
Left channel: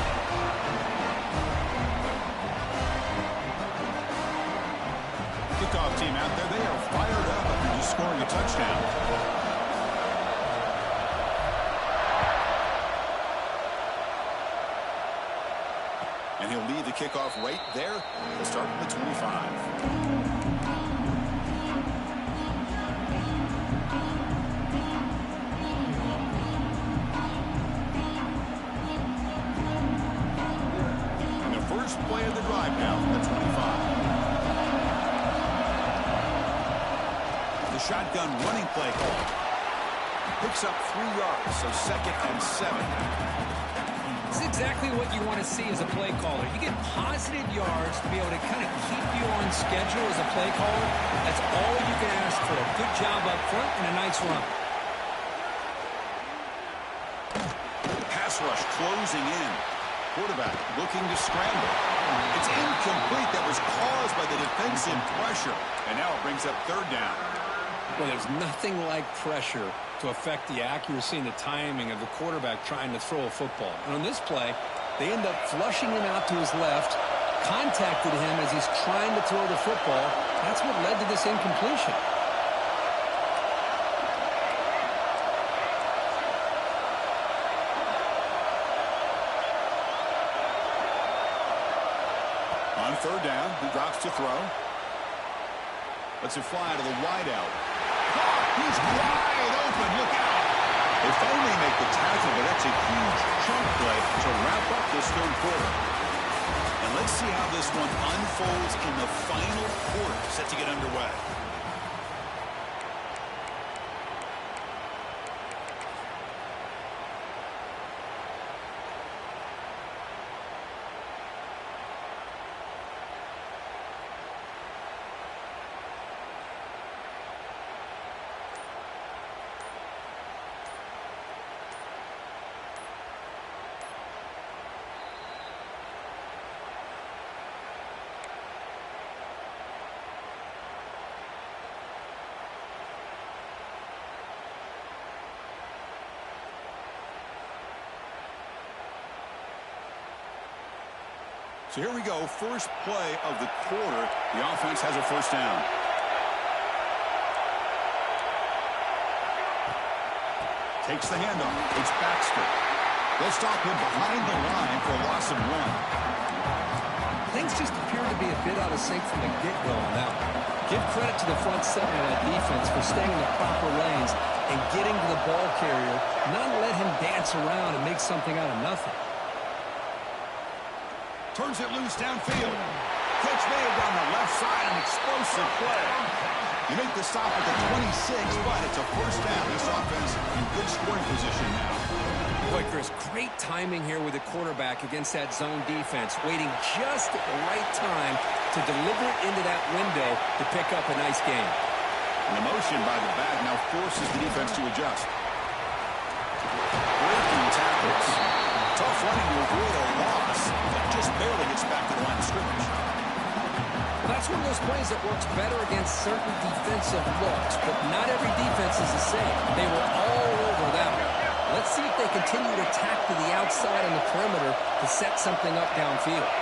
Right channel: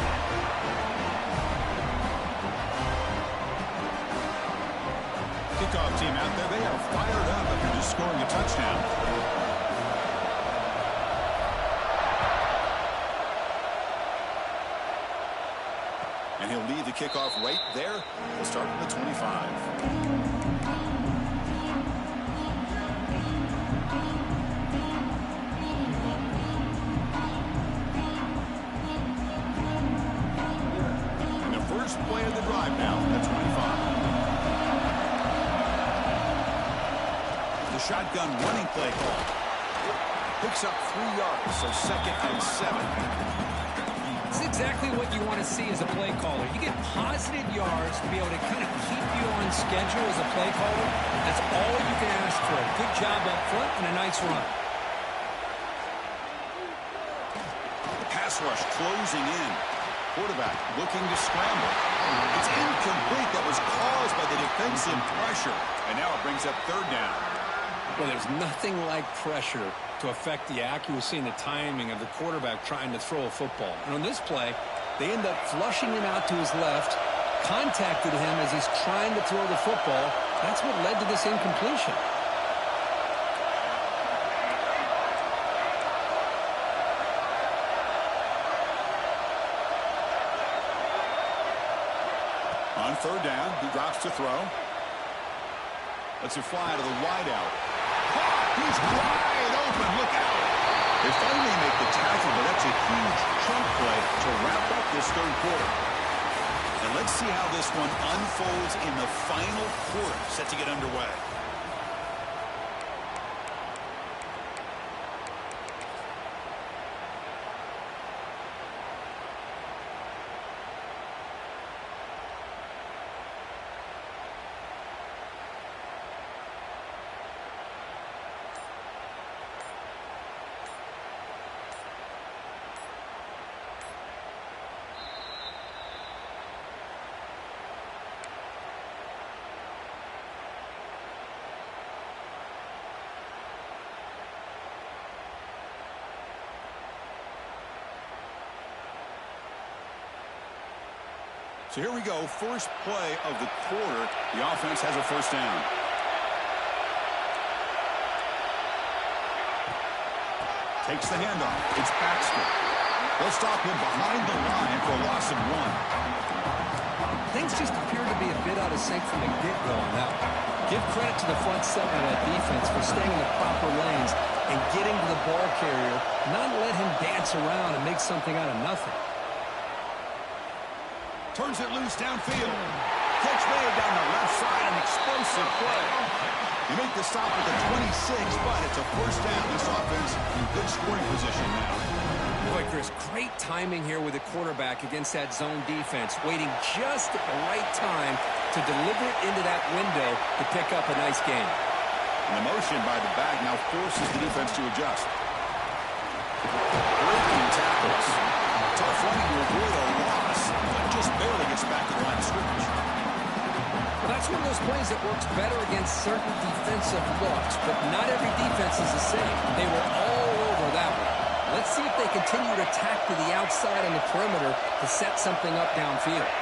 Kickoff team out there, they are fired up after just scoring a touchdown. And he'll lead the kickoff right there. He'll start from the 25. And the first play of the drive now, the 25. The shotgun running play call. Picks up 3 yards, so 2nd and 7. It's exactly what you want to see as a play caller. You get positive yards to be able to kind of keep you on schedule as a play caller. That's all you can ask for. A good job up front and a nice run. Pass rush closing in. Quarterback looking to scramble. It's incomplete. That was caused by the defensive pressure. And now it brings up 3rd down. Well, there's nothing like pressure to affect the accuracy and the timing of the quarterback trying to throw a football. And on this play, they end up flushing him out to his left, contacted him as he's trying to throw the football. That's what led to this incompletion. On 3rd down, he drops to throw. Lets it fly to the wideout. Caught! He's wide open. Look out! They finally make the tackle, but that's a huge chunk play to wrap up this third quarter. And let's see how this one unfolds in the final quarter, set to get underway. So here we go, first play of the quarter. The offense has a first down. Takes the handoff. It's Baxter. They'll stop him behind the line for a loss of 1. Things just appear to be a bit out of sync from the get-go on that one. Give credit to the front seven of that defense for staying in the proper lanes and getting to the ball carrier, not let him dance around and make something out of nothing. Turns it loose downfield. Catch made down the left side, an explosive play. They make the stop at the 26, but it's a first down. This offense in good scoring position now. Boy, Chris, great timing here with the quarterback against that zone defense, waiting just at the right time to deliver it into that window to pick up a nice gain. And the motion by the back now forces the defense to adjust. Breaking tackles. Tough running to avoid a loss, but just barely gets back to the line of scrimmage. Well, that's one of those plays that works better against certain defensive looks, but not every defense is the same. They were all over that one. Let's see if they continue to attack to the outside on the perimeter to set something up downfield.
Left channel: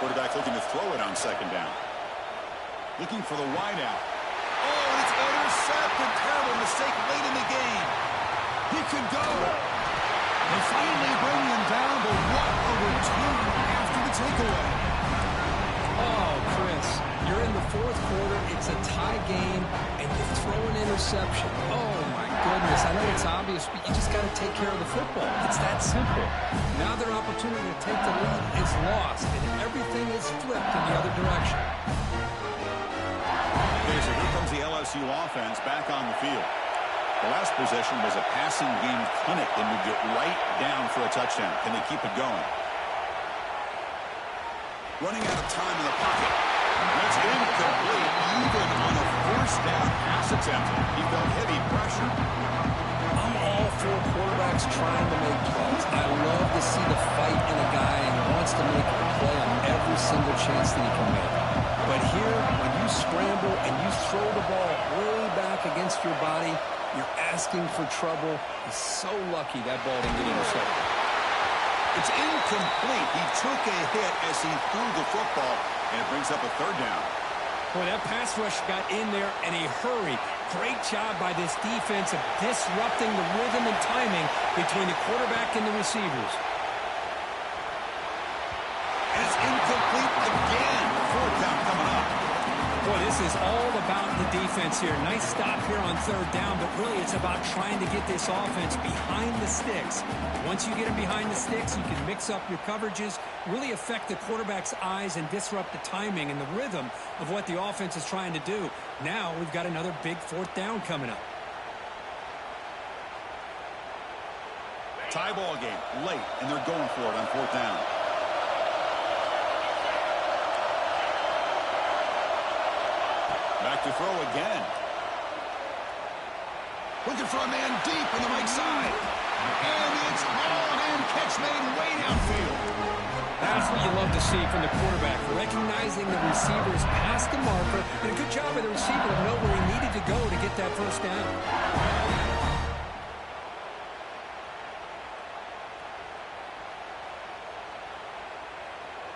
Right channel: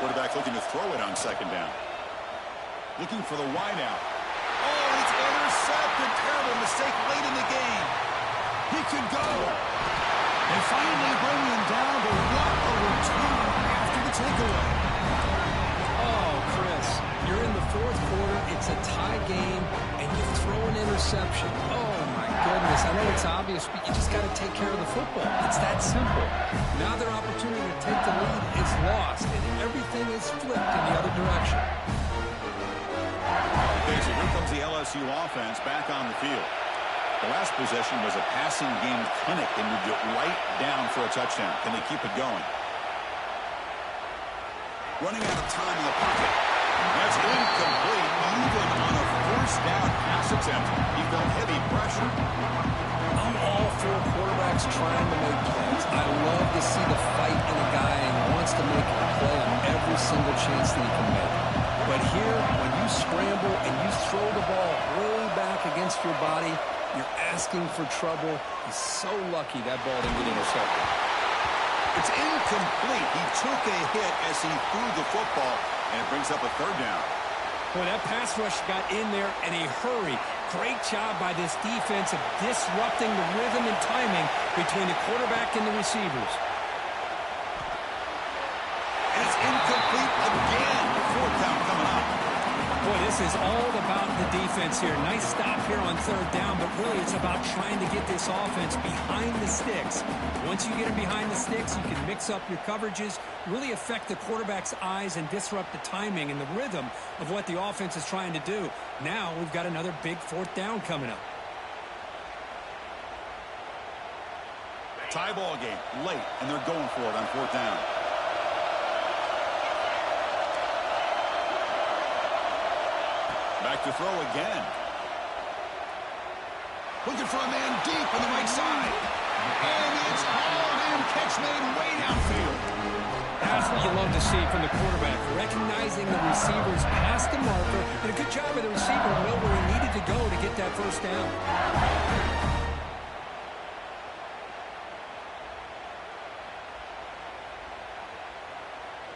Quarterback looking to throw it on second down. Looking for the wideout. Oh, and it's intercepted. Terrible mistake late in the game. He could go. They finally bring him down, but what a return after the takeaway. Oh, Chris, you're in the fourth quarter. It's a tie game, and you throw an interception. Oh, my goodness. I know it's obvious, but you just got to take care of the football. It's that simple. Now their opportunity to take the lead is lost, and everything is flipped in the other direction. Okay, so here comes the LSU offense back on the field. The last possession was a passing game clinic. They moved it right down for a touchdown. Can they keep it going? Running out of time in the pocket. That's incomplete, even on a first down pass attempt. He felt heavy pressure. I'm all for quarterbacks trying to make plays. I love to see the fight in a guy and wants to make a play on every single chance that he can make. But here, when you scramble and you throw the ball way back against your body, you're asking for trouble. He's so lucky that ball didn't get intercepted. It's incomplete. He took a hit as he threw the football, and it brings up a third down. Boy, that pass rush got in there in a hurry. Great job by this defense of disrupting the rhythm and timing between the quarterback and the receivers. And it's incomplete again. Fourth down coming up. Boy, this is all about the defense here. Nice stop here on third down, but really it's about trying to get this offense behind the sticks. Once you get them behind the sticks, you can mix up your coverages, really affect the quarterback's eyes and disrupt the timing and the rhythm of what the offense is trying to do. Now we've got another big fourth down coming up. Tie ball game late, and they're going for it on fourth down. Back to throw again. Looking for a man deep on the right side. And it's hauled in. Catch made way downfield. That's what you love to see from the quarterback, recognizing the receiver's past the marker, and a good job of the receiver to know where he needed to go to get that first down.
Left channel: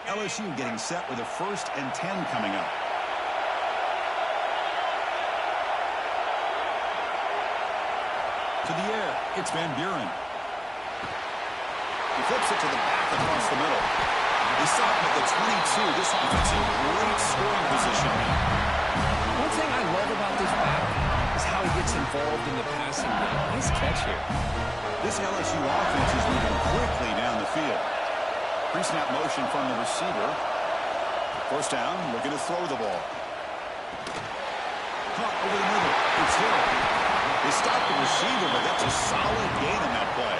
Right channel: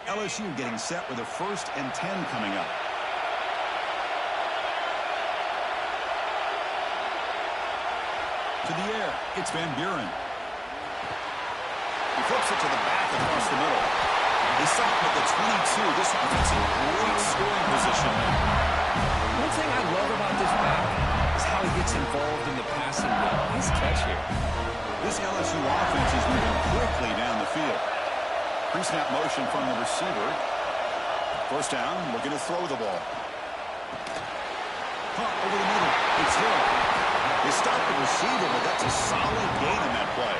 LSU getting set with a 1st and 10 coming up. To the air, it's Van Buren. He flips it to the back across the middle. They stop him at the 22. This offense in great scoring position now. One thing I love about this back is how he gets involved in the passing game. Nice catch here. This LSU offense is moving quickly down the field. Pre-snap motion from the receiver. First down, looking to throw the ball. Caught over the middle. It's Hill. They stopped the receiver, but that's a solid gain on that play.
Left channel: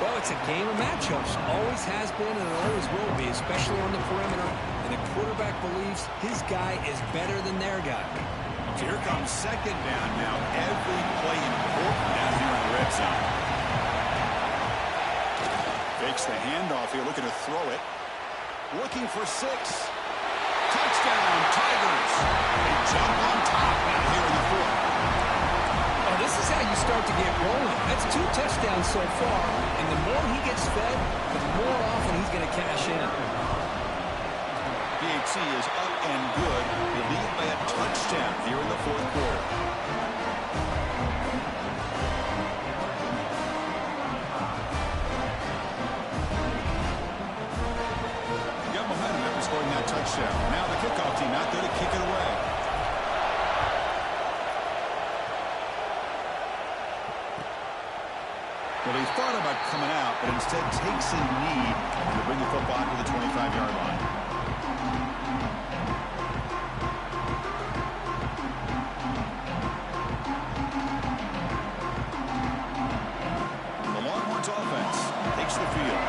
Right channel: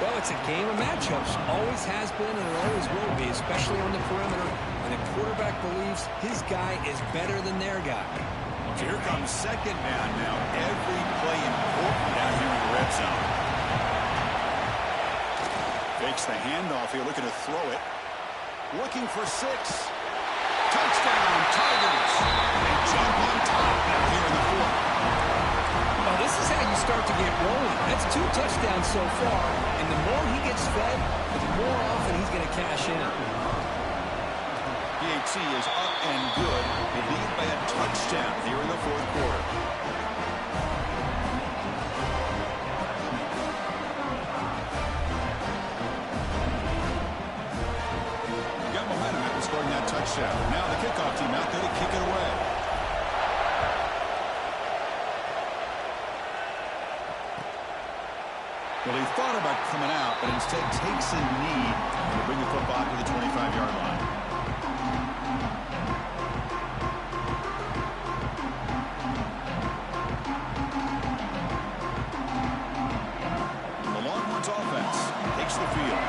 Well, it's a game of matchups. Always has been and it always will be, especially on the perimeter. And the quarterback believes his guy is better than their guy. So here comes second down now. Every play important down here in the red zone. Fakes the handoff here, looking to throw it. Looking for 6. Touchdown, Tigers. They jump on top now here in the 4th. Oh, this is how you start to get rolling. That's 2 touchdowns so far, and the more he gets fed, the more often he's going to cash in. PAT is up and good. They lead by a touchdown here in the 4th quarter. Got momentum after scoring that touchdown. Now the kickoff team out there to kick it away. Well, he thought about coming out, but instead takes a knee to bring the football to the 25-yard line. The Longhorns offense takes the field.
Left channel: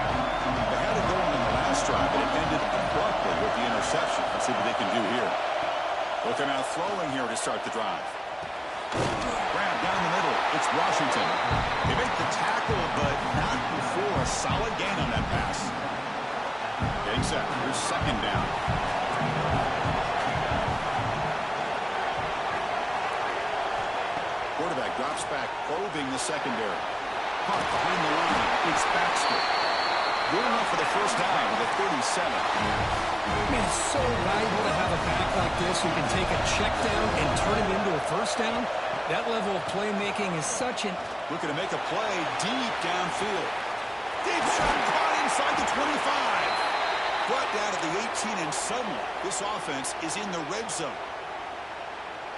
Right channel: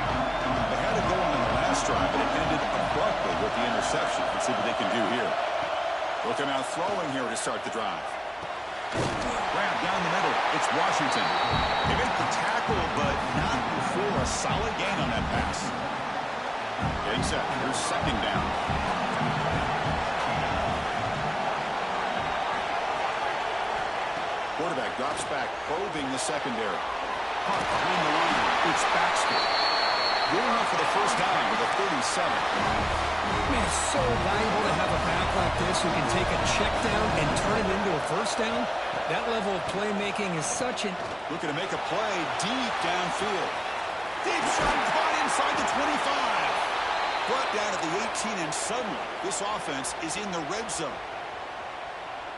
They had it going on the last drive, but it ended abruptly with the interception. Let's see what they can do here. Looking out throwing here to start the drive. Grab down the middle. It's Washington. They make the tackle, but not before a solid gain on that pass. Getting set. Here's second down. Quarterback drops back, probing the secondary. Caught behind the line. It's Baxter. Good enough for the first down with a 37. Man, it's so valuable to have a back like this who can take a check down and turn it into a first down. That level of playmaking is such an... Looking to make a play deep downfield. Deep shot caught inside the 25. Brought down at the 18, and suddenly this offense is in the red zone.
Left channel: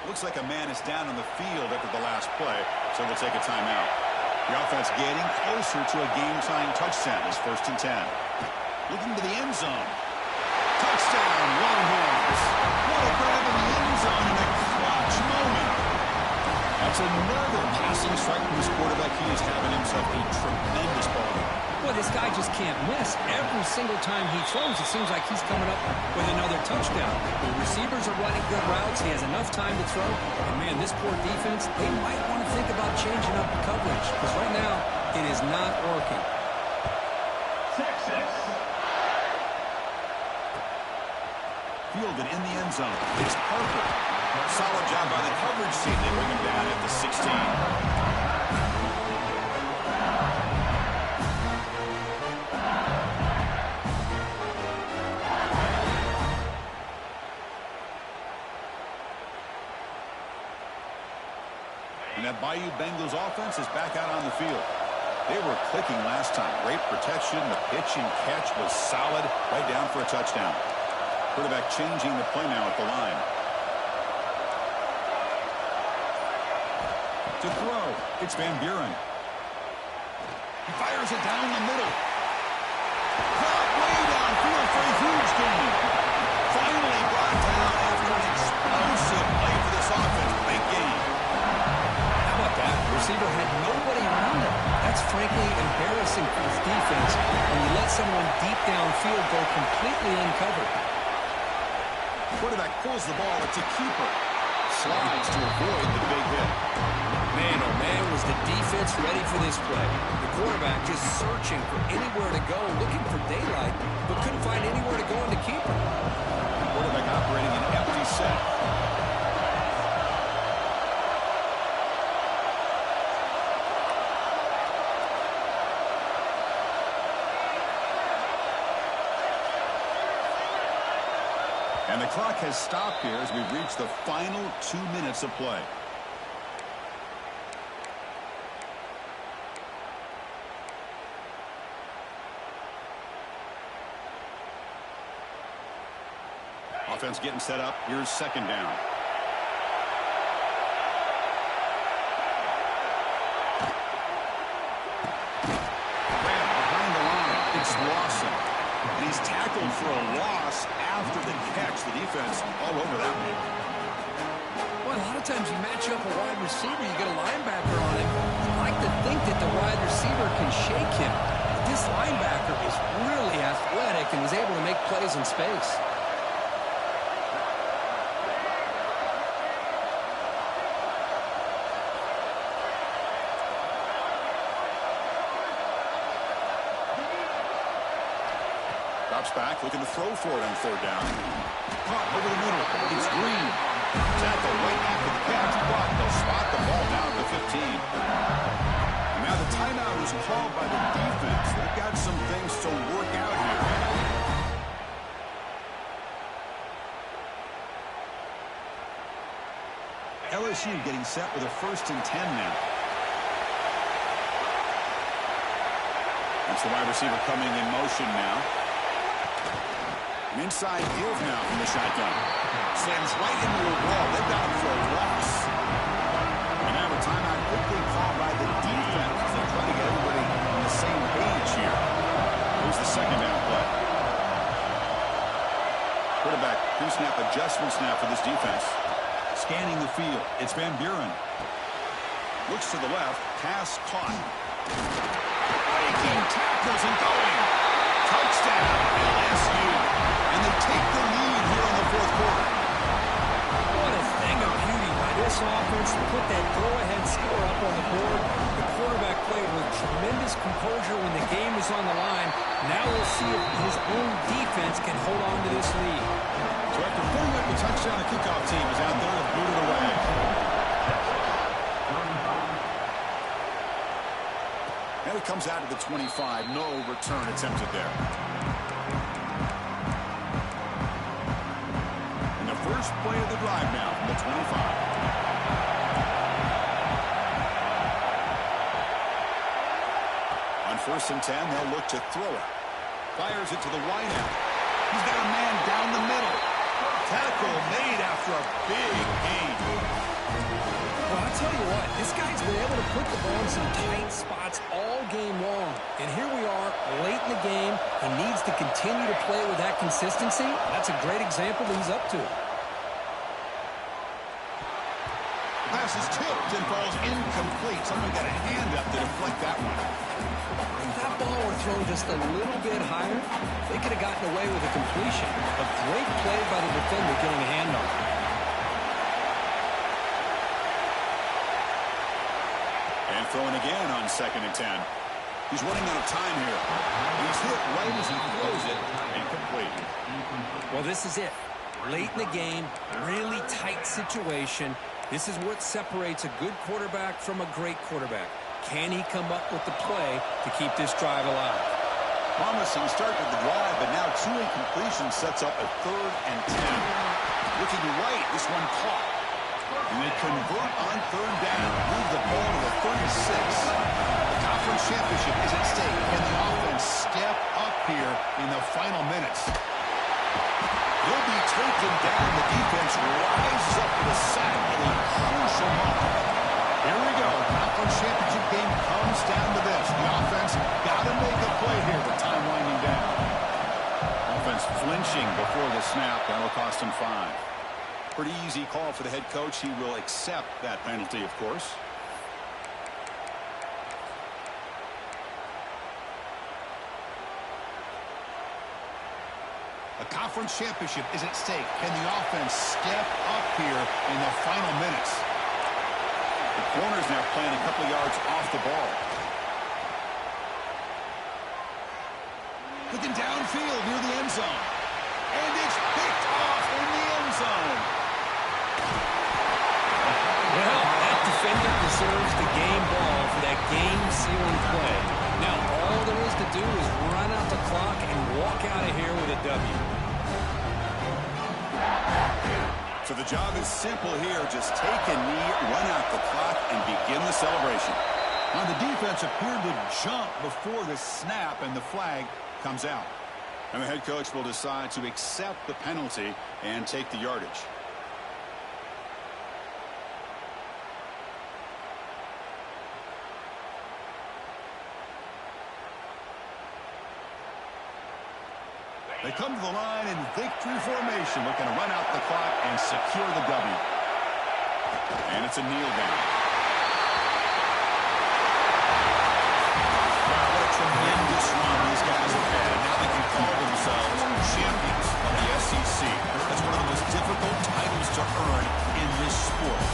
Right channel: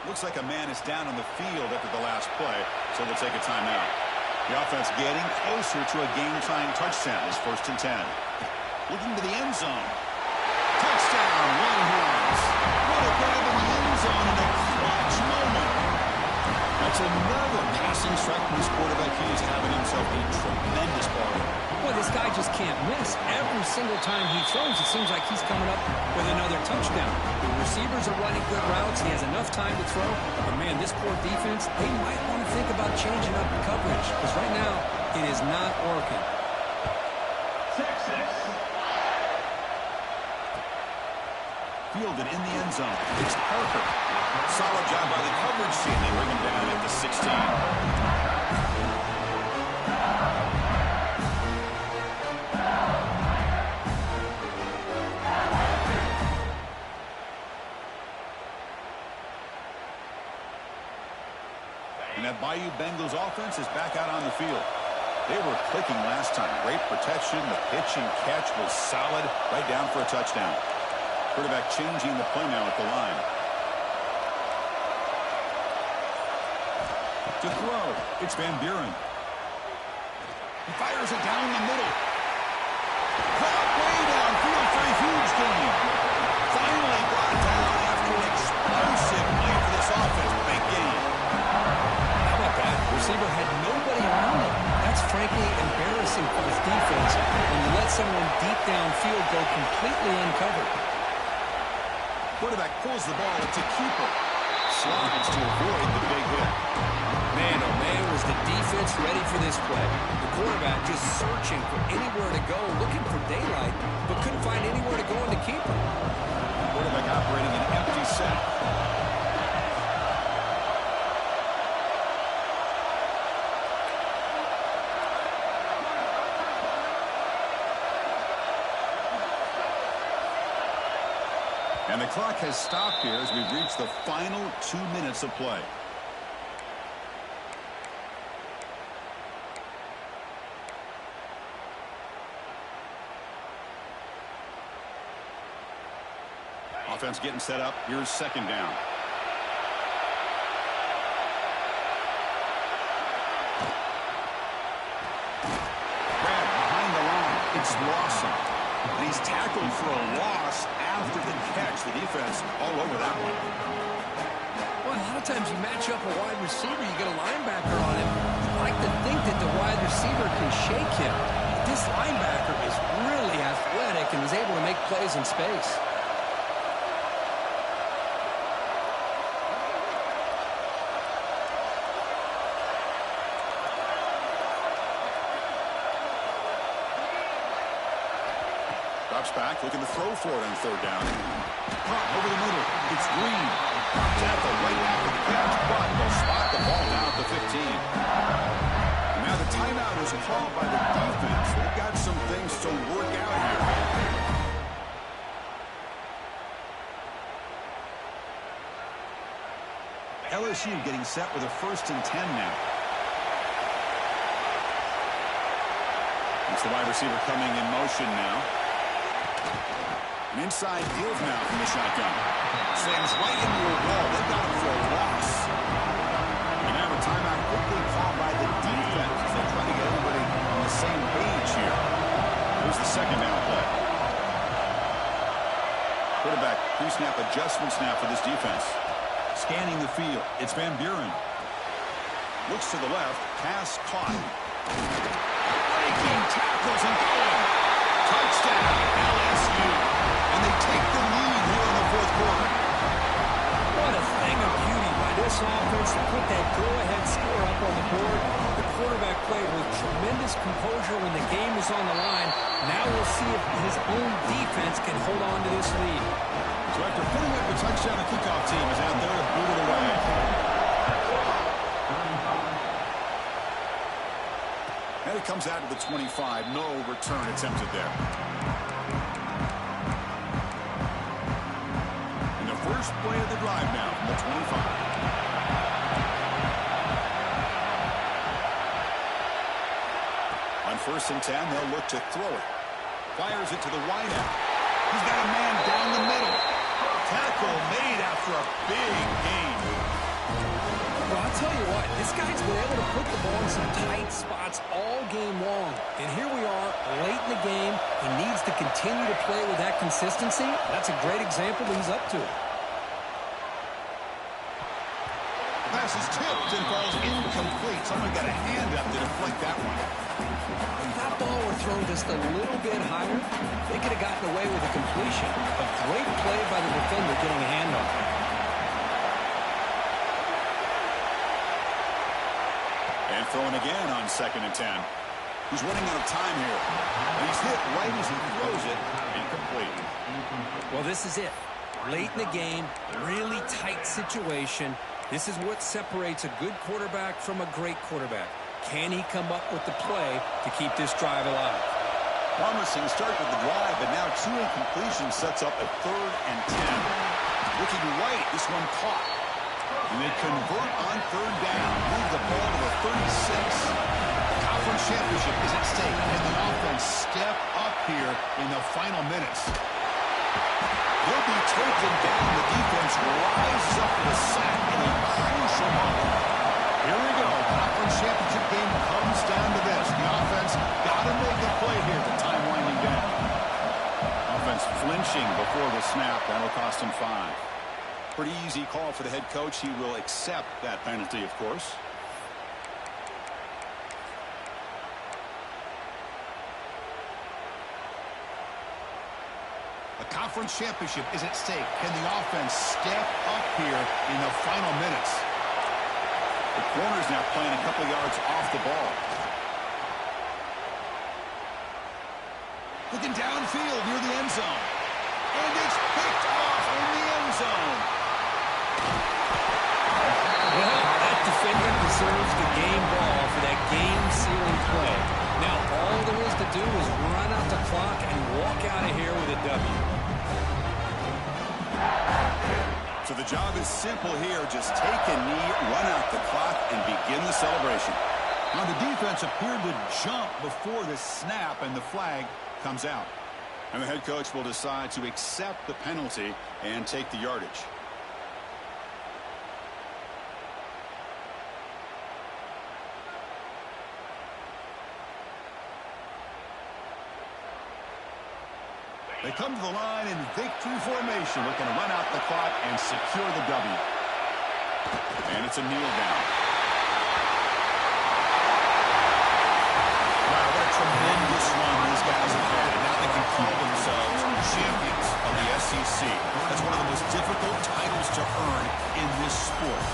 Looks like a man is down on the field after the last play, so we'll take a timeout. The offense getting closer to a game-tying touchdown. It's 1st and 10. Looking to the end zone. Touchdown, Longhorns. What a grab in the end zone in a clutch moment. That's another passing strike from this quarterback. He is having himself a tremendous ballgame. Boy, this guy just can't miss. Every single time he throws, it seems like he's coming up with another touchdown. The receivers are running good routes. He has enough time to throw. And, man, this poor defense, they might want to think about changing up coverage because right now it is not working. 6-6. Fielded in the end zone. It's Parker. Solid job by the coverage team. They bring him down at the 16. And that Bayou Bengals offense is back out on the field. They were clicking last time. Great protection. The pitch and catch was solid. Right down for a touchdown. Quarterback changing the play now at the line. To throw, it's Van Buren. He fires it down the middle. Caught way downfield for a huge gain. Finally brought down after an explosive play for this offense. Big gain. How about that? The receiver had nobody around him. That's frankly embarrassing for his defense when you let someone deep downfield go completely uncovered. Quarterback pulls the ball. It's a keeper. Slides to avoid the big hit. Man, oh man, was the defense ready for this play. The quarterback just searching for anywhere to go, looking for daylight, but couldn't find anywhere to go in the keeper. Quarterback operating an empty set. And the clock has stopped here as we've reached the final 2 minutes of play. Offense getting set up. Here's second down. It's Lawson. And he's tackled for a loss after the catch. The defense all over that one. Well, a lot of times you match up a wide receiver, you get a linebacker on him. You like to think that the wide receiver can shake him. But this linebacker is really athletic and is able to make plays in space. Drops back, looking to throw for it on third down. Caught over the middle. It's Green. Tackle right after the catch, but they'll spot the ball down at the 15. And now the timeout is called by the defense. They've got some things to work out here. LSU getting set with a 1st and 10 now. It's the wide receiver coming in motion now. An inside give now from the shotgun. Slams right into a wall. They've got him for a loss. And now a timeout quickly called by the defense as they try to get everybody on the same page here. Here's the second down play. Quarterback pre-snap adjustments now for this defense. Scanning the field. It's Van Buren. Looks to the left. Pass caught. Breaking tackles and going. Touchdown, LSU. And they take the lead here in the 4th quarter. What a thing of beauty by this offense to put that go-ahead score up on the board. The quarterback played with tremendous composure when the game was on the line. Now we'll see if his own defense can hold on to this lead. So after putting up the touchdown, the kickoff team is out there to boot it away. And it comes out to the 25. No return attempted there. And the first play of the drive now from the 25. On 1st and 10, they'll look to throw it. Fires it to the wideout. He's got a man down the middle. Tackle made after a big gain. Well, I'll tell you what, this guy's been able to put the ball in some tight spots all game long. And here we are, late in the game. He needs to continue to play with that consistency. That's a great example that he's up to it. The pass is tipped and falls incomplete. Someone got a hand up to deflect that one. If that ball were thrown just a little bit higher, they could have gotten away with a completion. A great play by the defender getting a hand on it. And throwing again on 2nd and 10. He's running out of time here. And he's hit right as he throws it. Incomplete. Well, this is it. Late in the game, really tight situation. This is what separates a good quarterback from a great quarterback. Can he come up with the play to keep this drive alive? Promising start to the drive, but now 2 incompletions sets up a 3rd and 10. Looking right, this one caught. And they convert on 3rd down. Move the ball to the 36. The conference championship is at stake. Can the offense step up here in the final minutes? He'll be taken down. The defense rises up to the sack in a crucial moment. Here we go. Conference championship game comes down to this. The offense got to make a play here. The time winding down. Offense flinching before the snap. That'll cost him 5. Pretty easy call for the head coach. He will accept that penalty, of course. A conference championship is at stake. Can the offense step up here in the final minutes? The corner's now playing a couple of yards off the ball. Looking downfield near the end zone. And it's picked off in the end zone. Well, that defender deserves the game ball for that game-sealing play. Now, all there is to do is run out the clock and walk out of here with a W. So the job is simple here. Just take a knee, run out the clock, and begin the celebration. Now, the defense appeared to jump before the snap, and the flag comes out. And the head coach will decide to accept the penalty and take the yardage. They come to the line in victory formation, looking to run out the clock and secure the W. And it's a kneel down. Wow, what a tremendous run these guys have had. And now they can call themselves champions of the SEC. That's one of the most difficult titles to earn in this sport.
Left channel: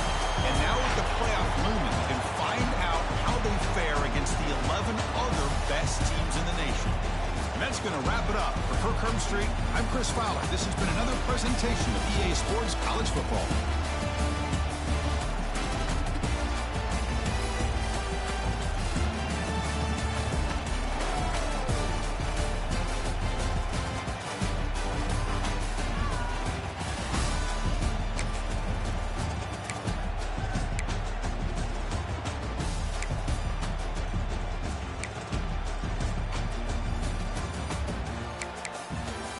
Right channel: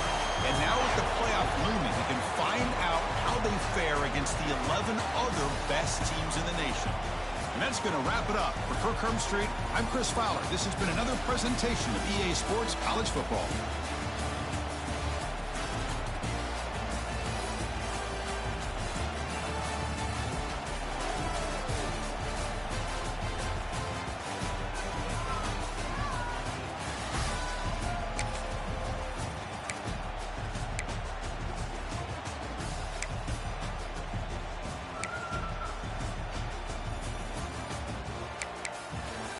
And now with the playoff looming, we can find out how they fare against the 11 other best teams in the nation. And that's going to wrap it up. For Kirk Herbstreit, I'm Chris Fowler. This has been another presentation of EA Sports College Football.